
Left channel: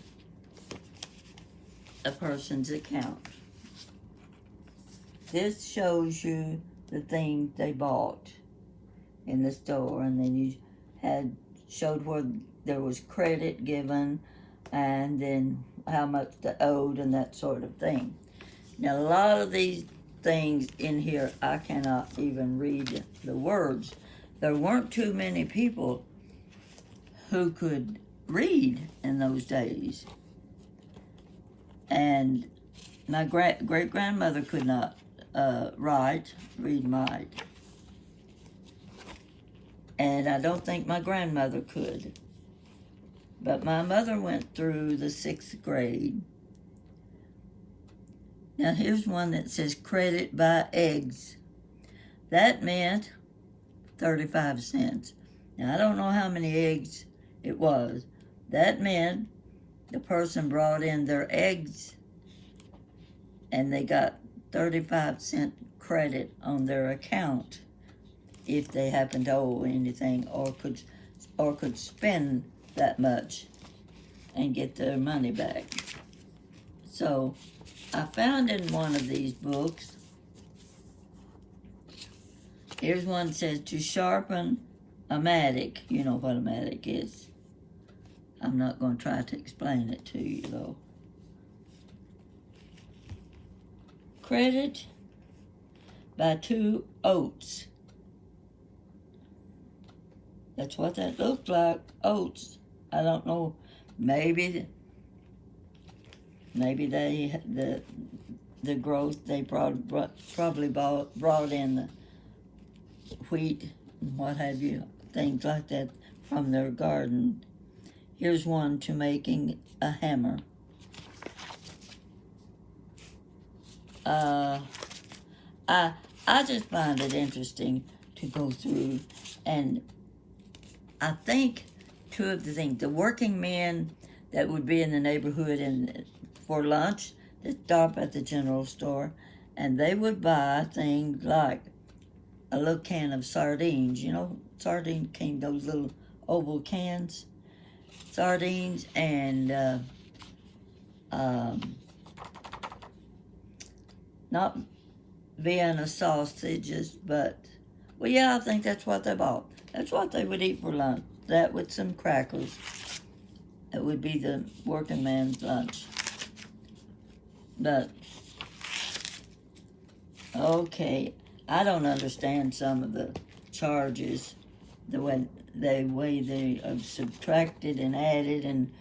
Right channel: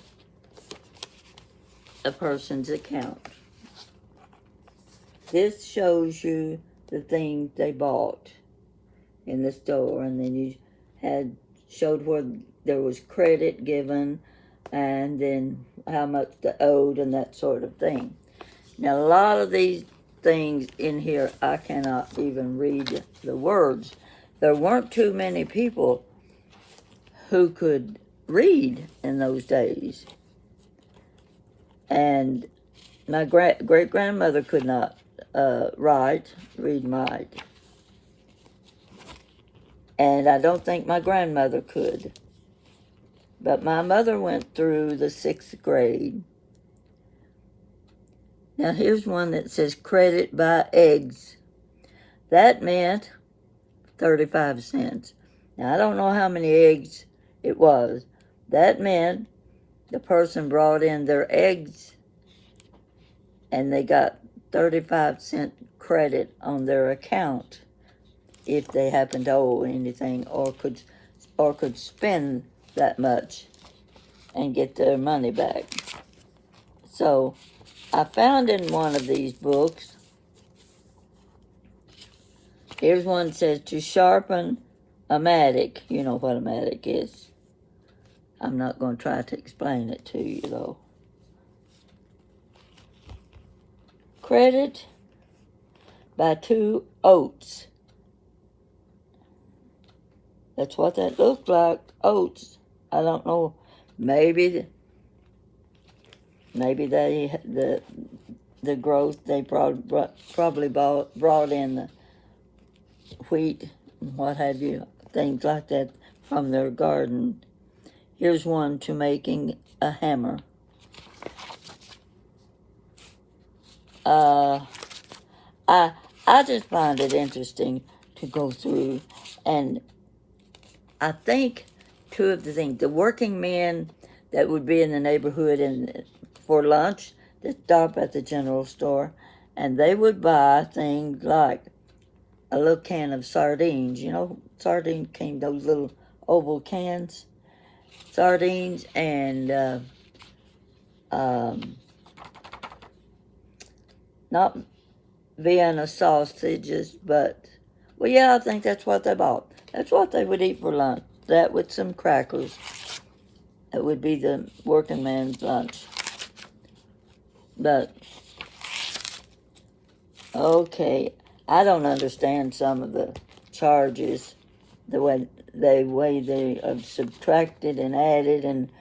a person's account. This shows you the things they bought in the store, and then you showed where there was credit given, and then how much they owed and that sort of thing. Now a lot of these things in here I cannot even read the words. There weren't too many people who could read in those days. And my great-grandmother could not read and write. And I don't think my grandmother could. But my mother went through the 6th grade. Now here's one that says credit buy eggs. That meant 35 cents. Now I don't know how many eggs it was. That meant the person brought in their eggs and they got 35-cent credit on their account if they happened to owe anything or could spend that much and get their money back. So I found in one of these books, here's one that says to sharpen a mattock. You know what a mattock is. I'm not going to try to explain it to you, though. Credit by 2 oats. That's what that looks like, oats. I don't know. Maybe the growth they probably brought in the wheat and what have you, things like that from their garden. Here's one to making a hammer. I I just find it interesting to go through, and I think two of the things, the working men that would be in the neighborhood and for lunch that stop at the general store, and they would buy things like a little can of sardines. You know, sardine came those little oval cans, sardines and um, not Vienna sausages, but well, yeah, I think that's what they bought. That's what they would eat for lunch. That with some crackers. That would be the working man's lunch. But okay, I don't understand some of the charges, the way they have subtracted and added, and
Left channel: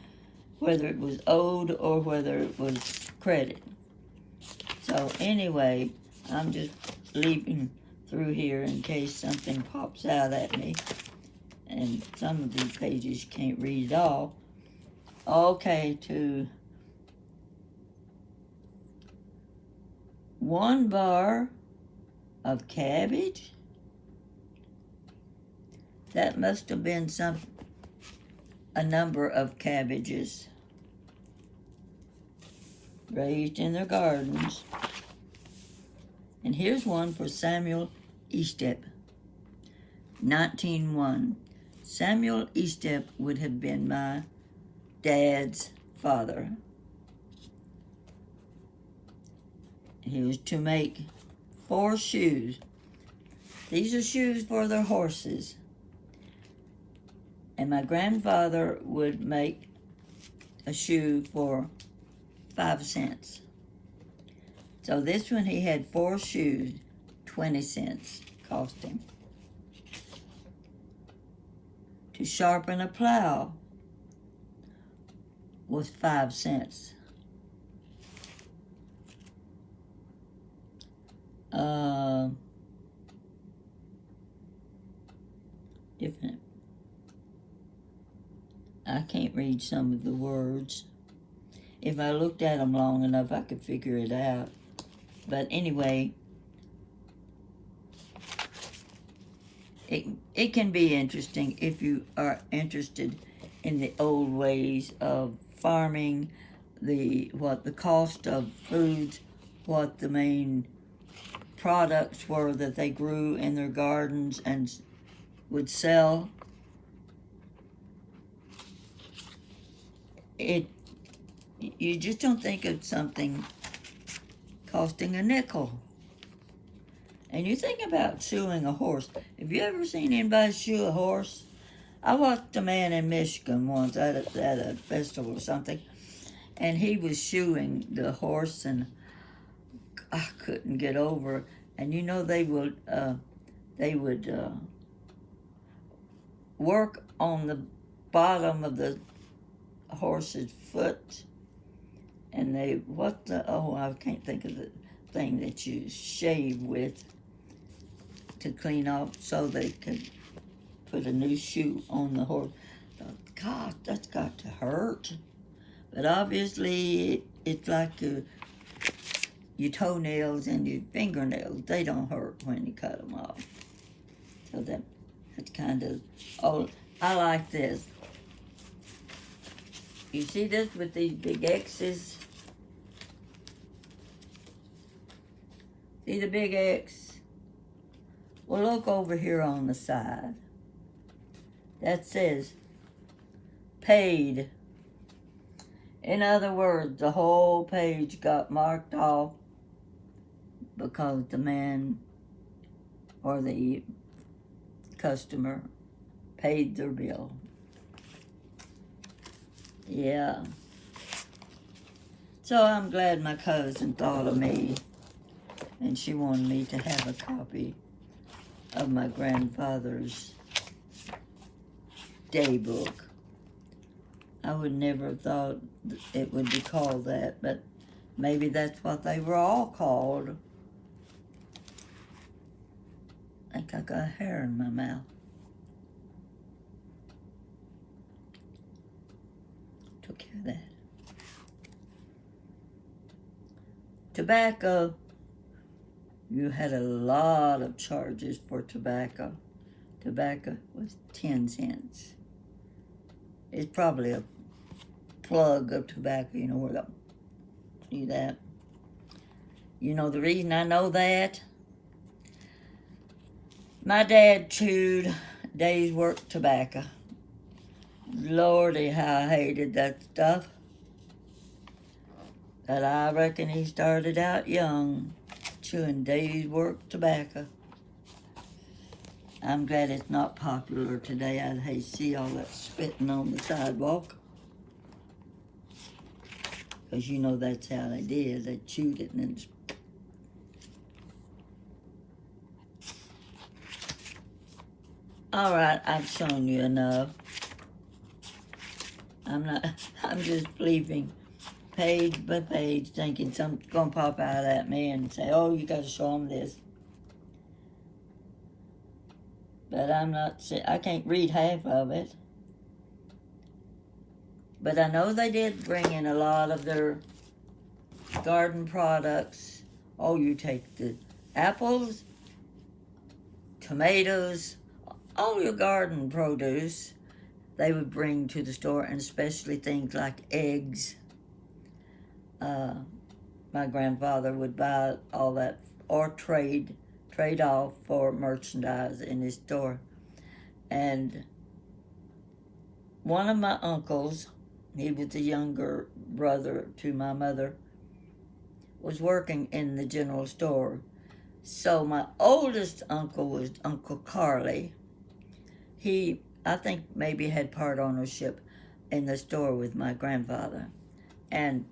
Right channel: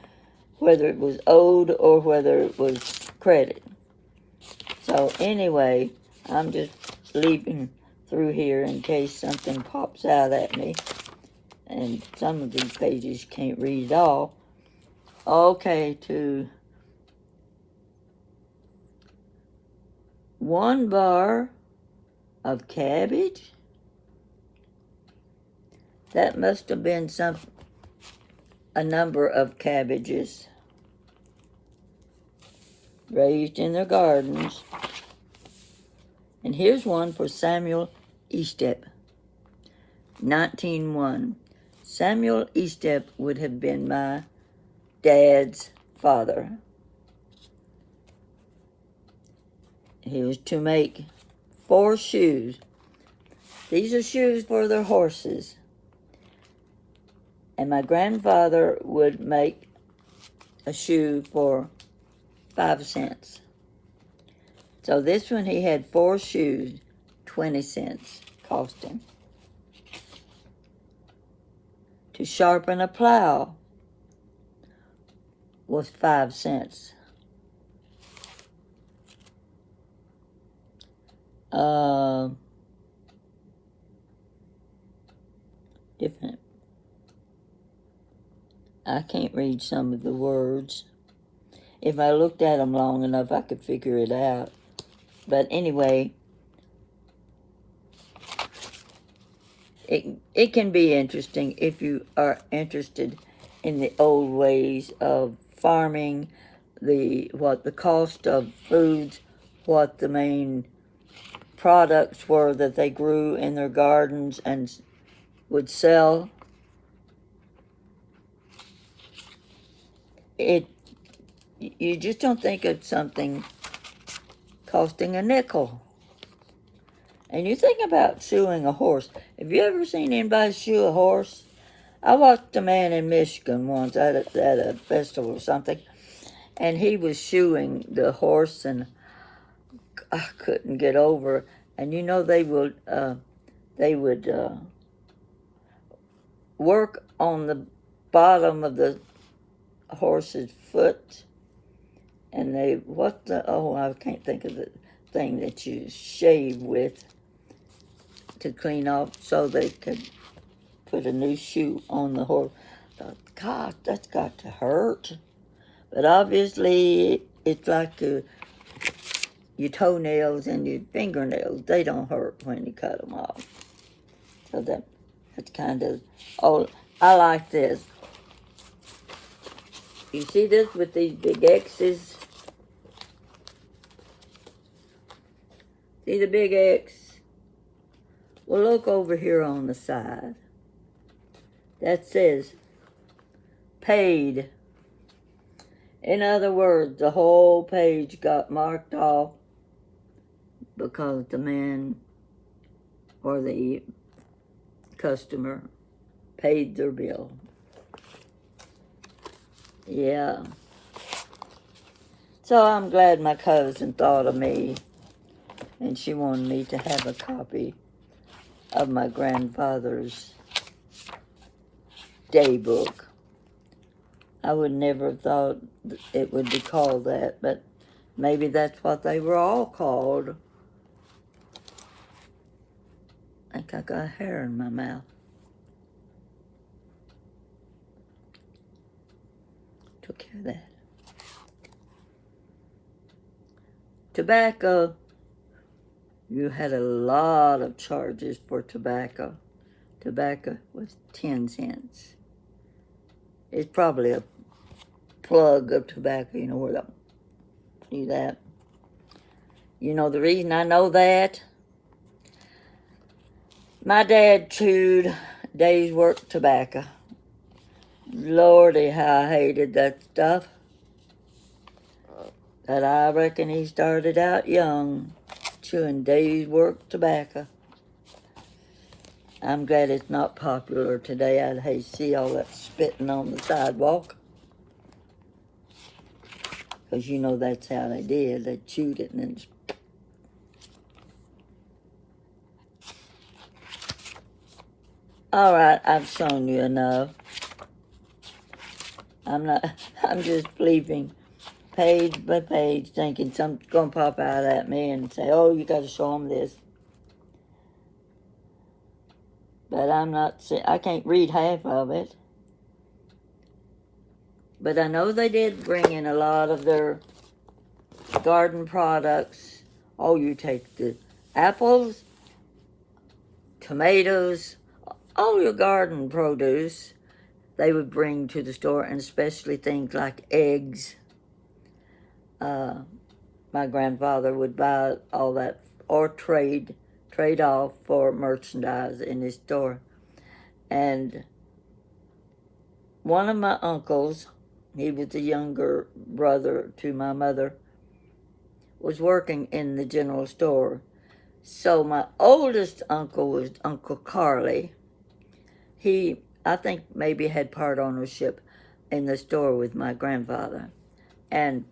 whether it was owed or whether it was credit. So anyway, I'm just leaping through here in case something pops out at me, and some of these pages can't read all. Okay, to 1 bar of cabbage. That must have been a number of cabbages raised in their gardens. And here's one for Samuel Estep, 1901. Samuel Estep would have been my dad's father. He was to make 4 shoes. These are shoes for their horses. And my grandfather would make a shoe for 5 cents. So this one, he had 4 shoes, 20 cents cost him. To sharpen a plow was 5 cents. Different. I can't read some of the words. If I looked at them long enough, I could figure it out. But anyway, it can be interesting if you are interested in the old ways of farming, what the cost of foods, what the main products were that they grew in their gardens and would sell. You just don't think of something costing a nickel. And you think about shoeing a horse. Have you ever seen anybody shoe a horse? I watched a man in Michigan once at a festival or something, and he was shoeing the horse, and I couldn't get over. And you know they would work on the bottom of the horse's foot, and I can't think of the thing that you shave with to clean off so they could put a new shoe on the horse. I thought, God, that's got to hurt. But obviously, it's like your toenails and your fingernails. They don't hurt when you cut them off. So that's kind of, I like this. You see this with these big X's? See the big X? Well, look over here on the side. That says paid. In other words, the whole page got marked off because the man or the customer paid their bill. Yeah. So I'm glad my cousin thought of me, and she wanted me to have a copy of my grandfather's daybook. I would never have thought it would be called that, but maybe that's what they were all called. I think I got hair in my mouth. Took care of that. Tobacco. You had a lot of charges for tobacco. Tobacco was 10 cents. It's probably a plug of tobacco, you know, where the, see that? You know the reason I know that? My dad chewed day's work tobacco. Lordy, how I hated that stuff. But I reckon he started out young, chewing day's work tobacco. I'm glad it's not popular today. I'd hate to see all that spitting on the sidewalk. Because you know that's how they did. They chewed it and then... All right, I've shown you enough. I'm just flipping page by page, thinking something's going to pop out at me and say, oh, you got to show them this. But I can't read half of it. But I know they did bring in a lot of their garden products. Oh, you take the apples, tomatoes, all your garden produce, they would bring to the store, and especially things like eggs. My grandfather would buy all that or trade off for merchandise in his store. And one of my uncles, he was the younger brother to my mother, was working in the general store. So my oldest uncle was Uncle Carly. He, I think, maybe had part ownership in the store with my grandfather. And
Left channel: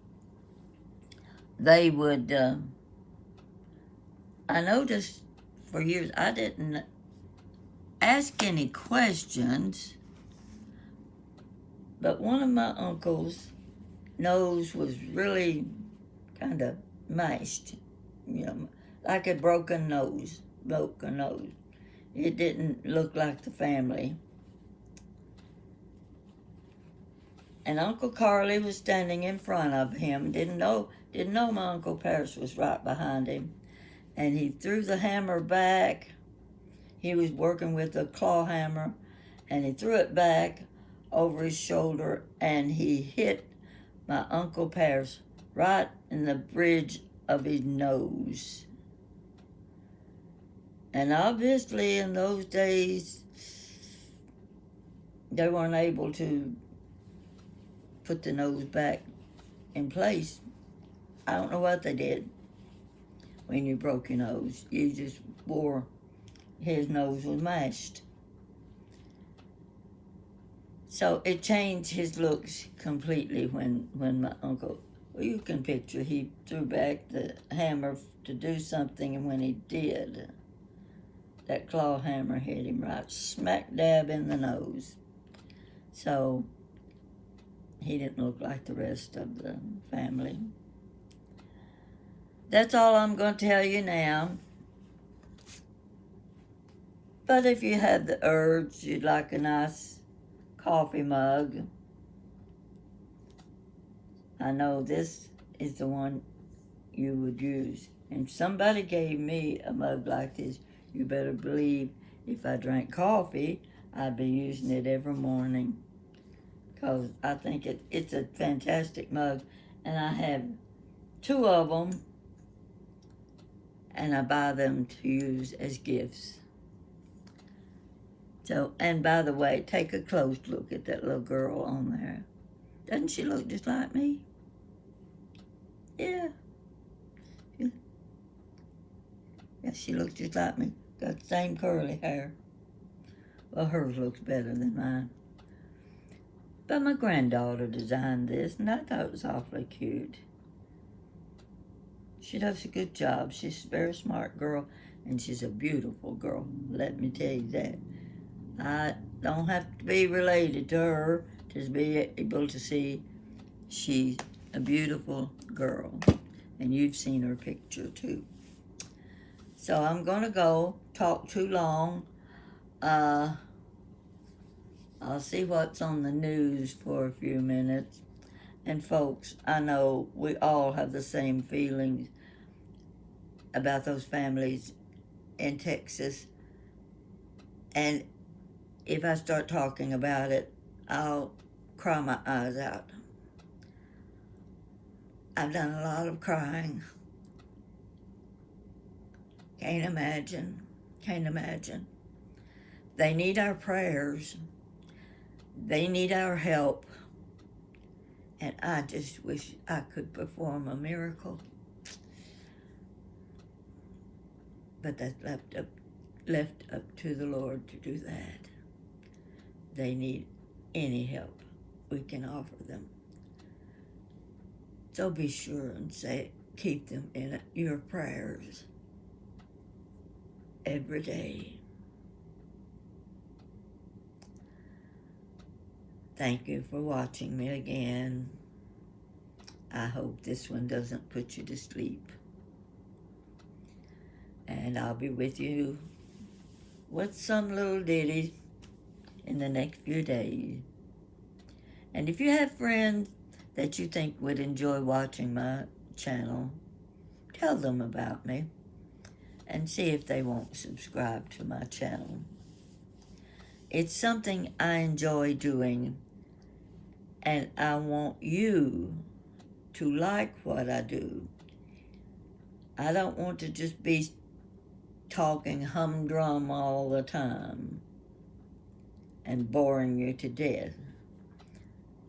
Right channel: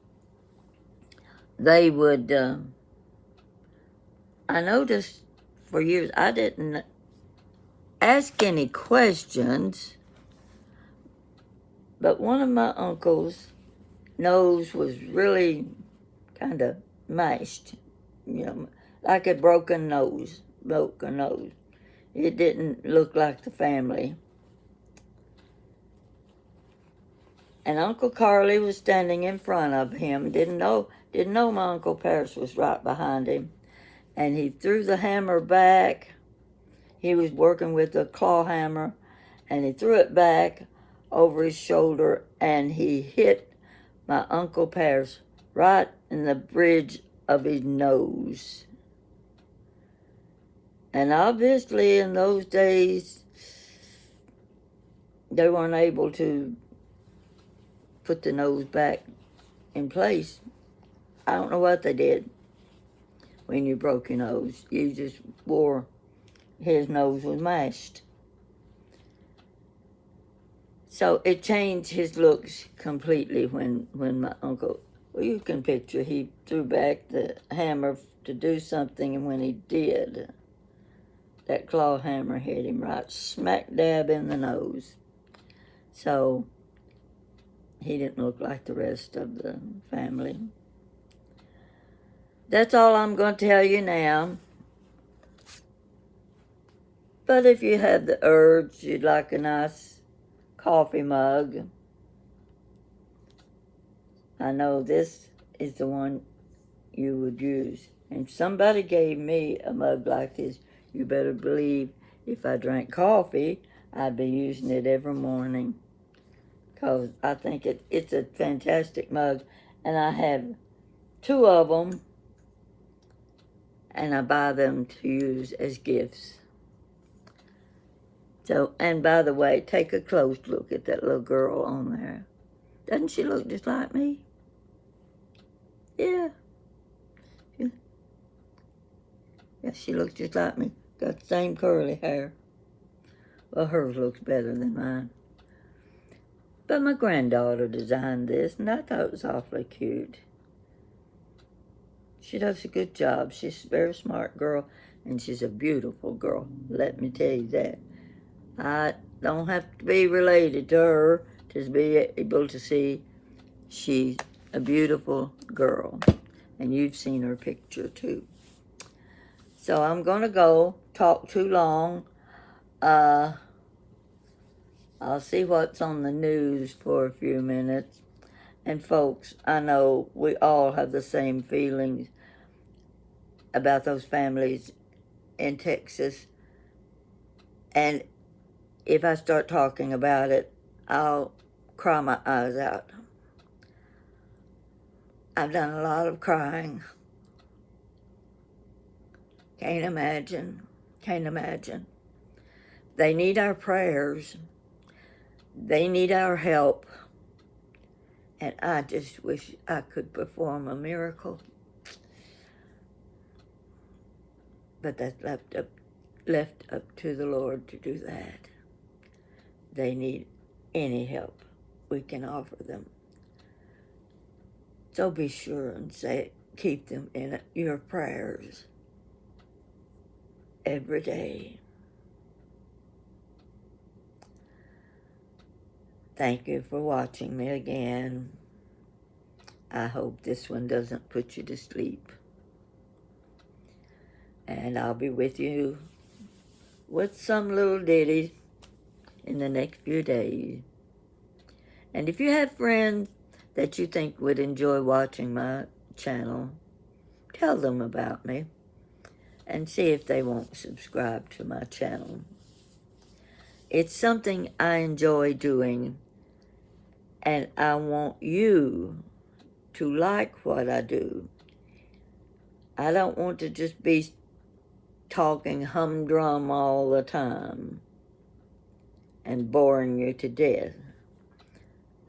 they would, I noticed for years, I didn't ask any questions, but one of my uncles' nose was really kind of mashed, you know, like a broken nose. It didn't look like the family. And Uncle Carly was standing in front of him. Didn't know my Uncle Paris was right behind him. And he threw the hammer back. He was working with a claw hammer, and he threw it back over his shoulder, and he hit my Uncle Paris right in the bridge of his nose. And obviously in those days, they weren't able to put the nose back in place. I don't know what they did when you broke your nose. You just wore, his nose was mashed. So it changed his looks completely when my uncle, well, you can picture, he threw back the hammer to do something, and when he did, that claw hammer hit him right smack dab in the nose. So he didn't look like the rest of the family. That's all I'm going to tell you now. But if you have the urge, you'd like a nice coffee mug, I know this is the one you would use. And if somebody gave me a mug like this, you better believe if I drank coffee, I'd be using it every morning, because I think it's a fantastic mug. And I have 2 of them, and I buy them to use as gifts. So, and by the way, take a close look at that little girl on there. Doesn't she look just like me? Yeah. Yeah, she looks just like me. Got the same curly hair. Well, hers looks better than mine. But my granddaughter designed this, and I thought it was awfully cute. She does a good job. She's a very smart girl, and she's a beautiful girl. Let me tell you that. I don't have to be related to her to to be able to see she's a beautiful girl. And you've seen her picture too. So I'm going to go. Talk too long. I'll see what's on the news for a few minutes. And folks, I know we all have the same feelings about those families in Texas. And if I start talking about it, I'll cry my eyes out. I've done a lot of crying. Can't imagine. Can't imagine. They need our prayers. They need our help. And I just wish I could perform a miracle. But that's left up to the Lord to do that. They need any help we can offer them. So be sure and keep them in your prayers every day. Thank you for watching me again. I hope this one doesn't put you to sleep. And I'll be with you with some little ditty in the next few days. And if you have friends that you think would enjoy watching my channel, tell them about me and see if they won't subscribe to my channel. It's something I enjoy doing, and I want you to like what I do. I don't want to just be talking humdrum all the time and boring you to death.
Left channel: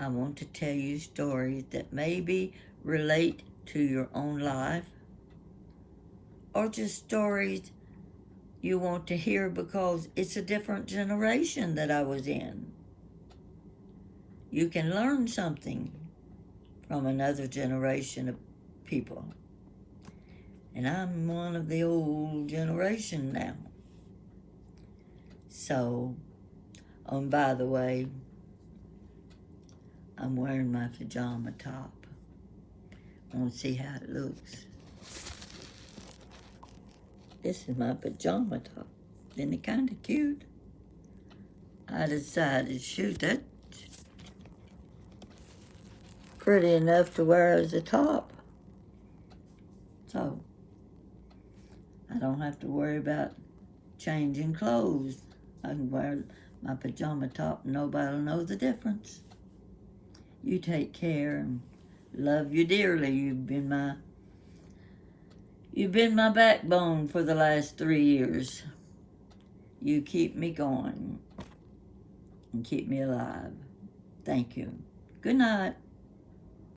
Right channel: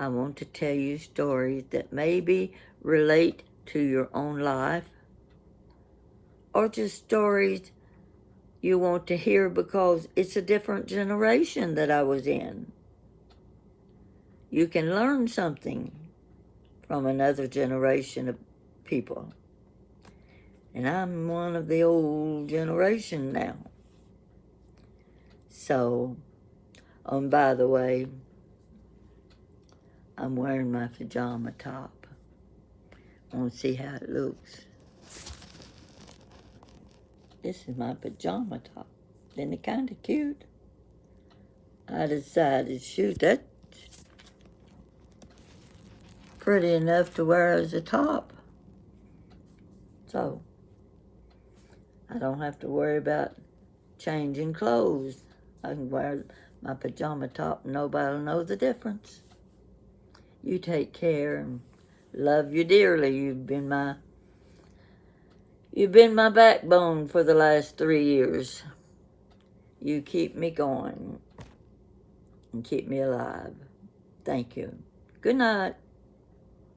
I want to tell you stories that maybe relate to your own life, or just stories you want to hear because it's a different generation that I was in. You can learn something from another generation of people. And I'm one of the old generation now. So, by the way, I'm wearing my pajama top. I want to see how it looks. This is my pajama top. Isn't it kind of cute? I decided, shoot, that's pretty enough to wear as a top. So, I don't have to worry about changing clothes. I can wear my pajama top and nobody will know the difference. You take care and love you dearly. You've been my backbone for the last 3 years. You keep me going and keep me alive. Thank you. Good night.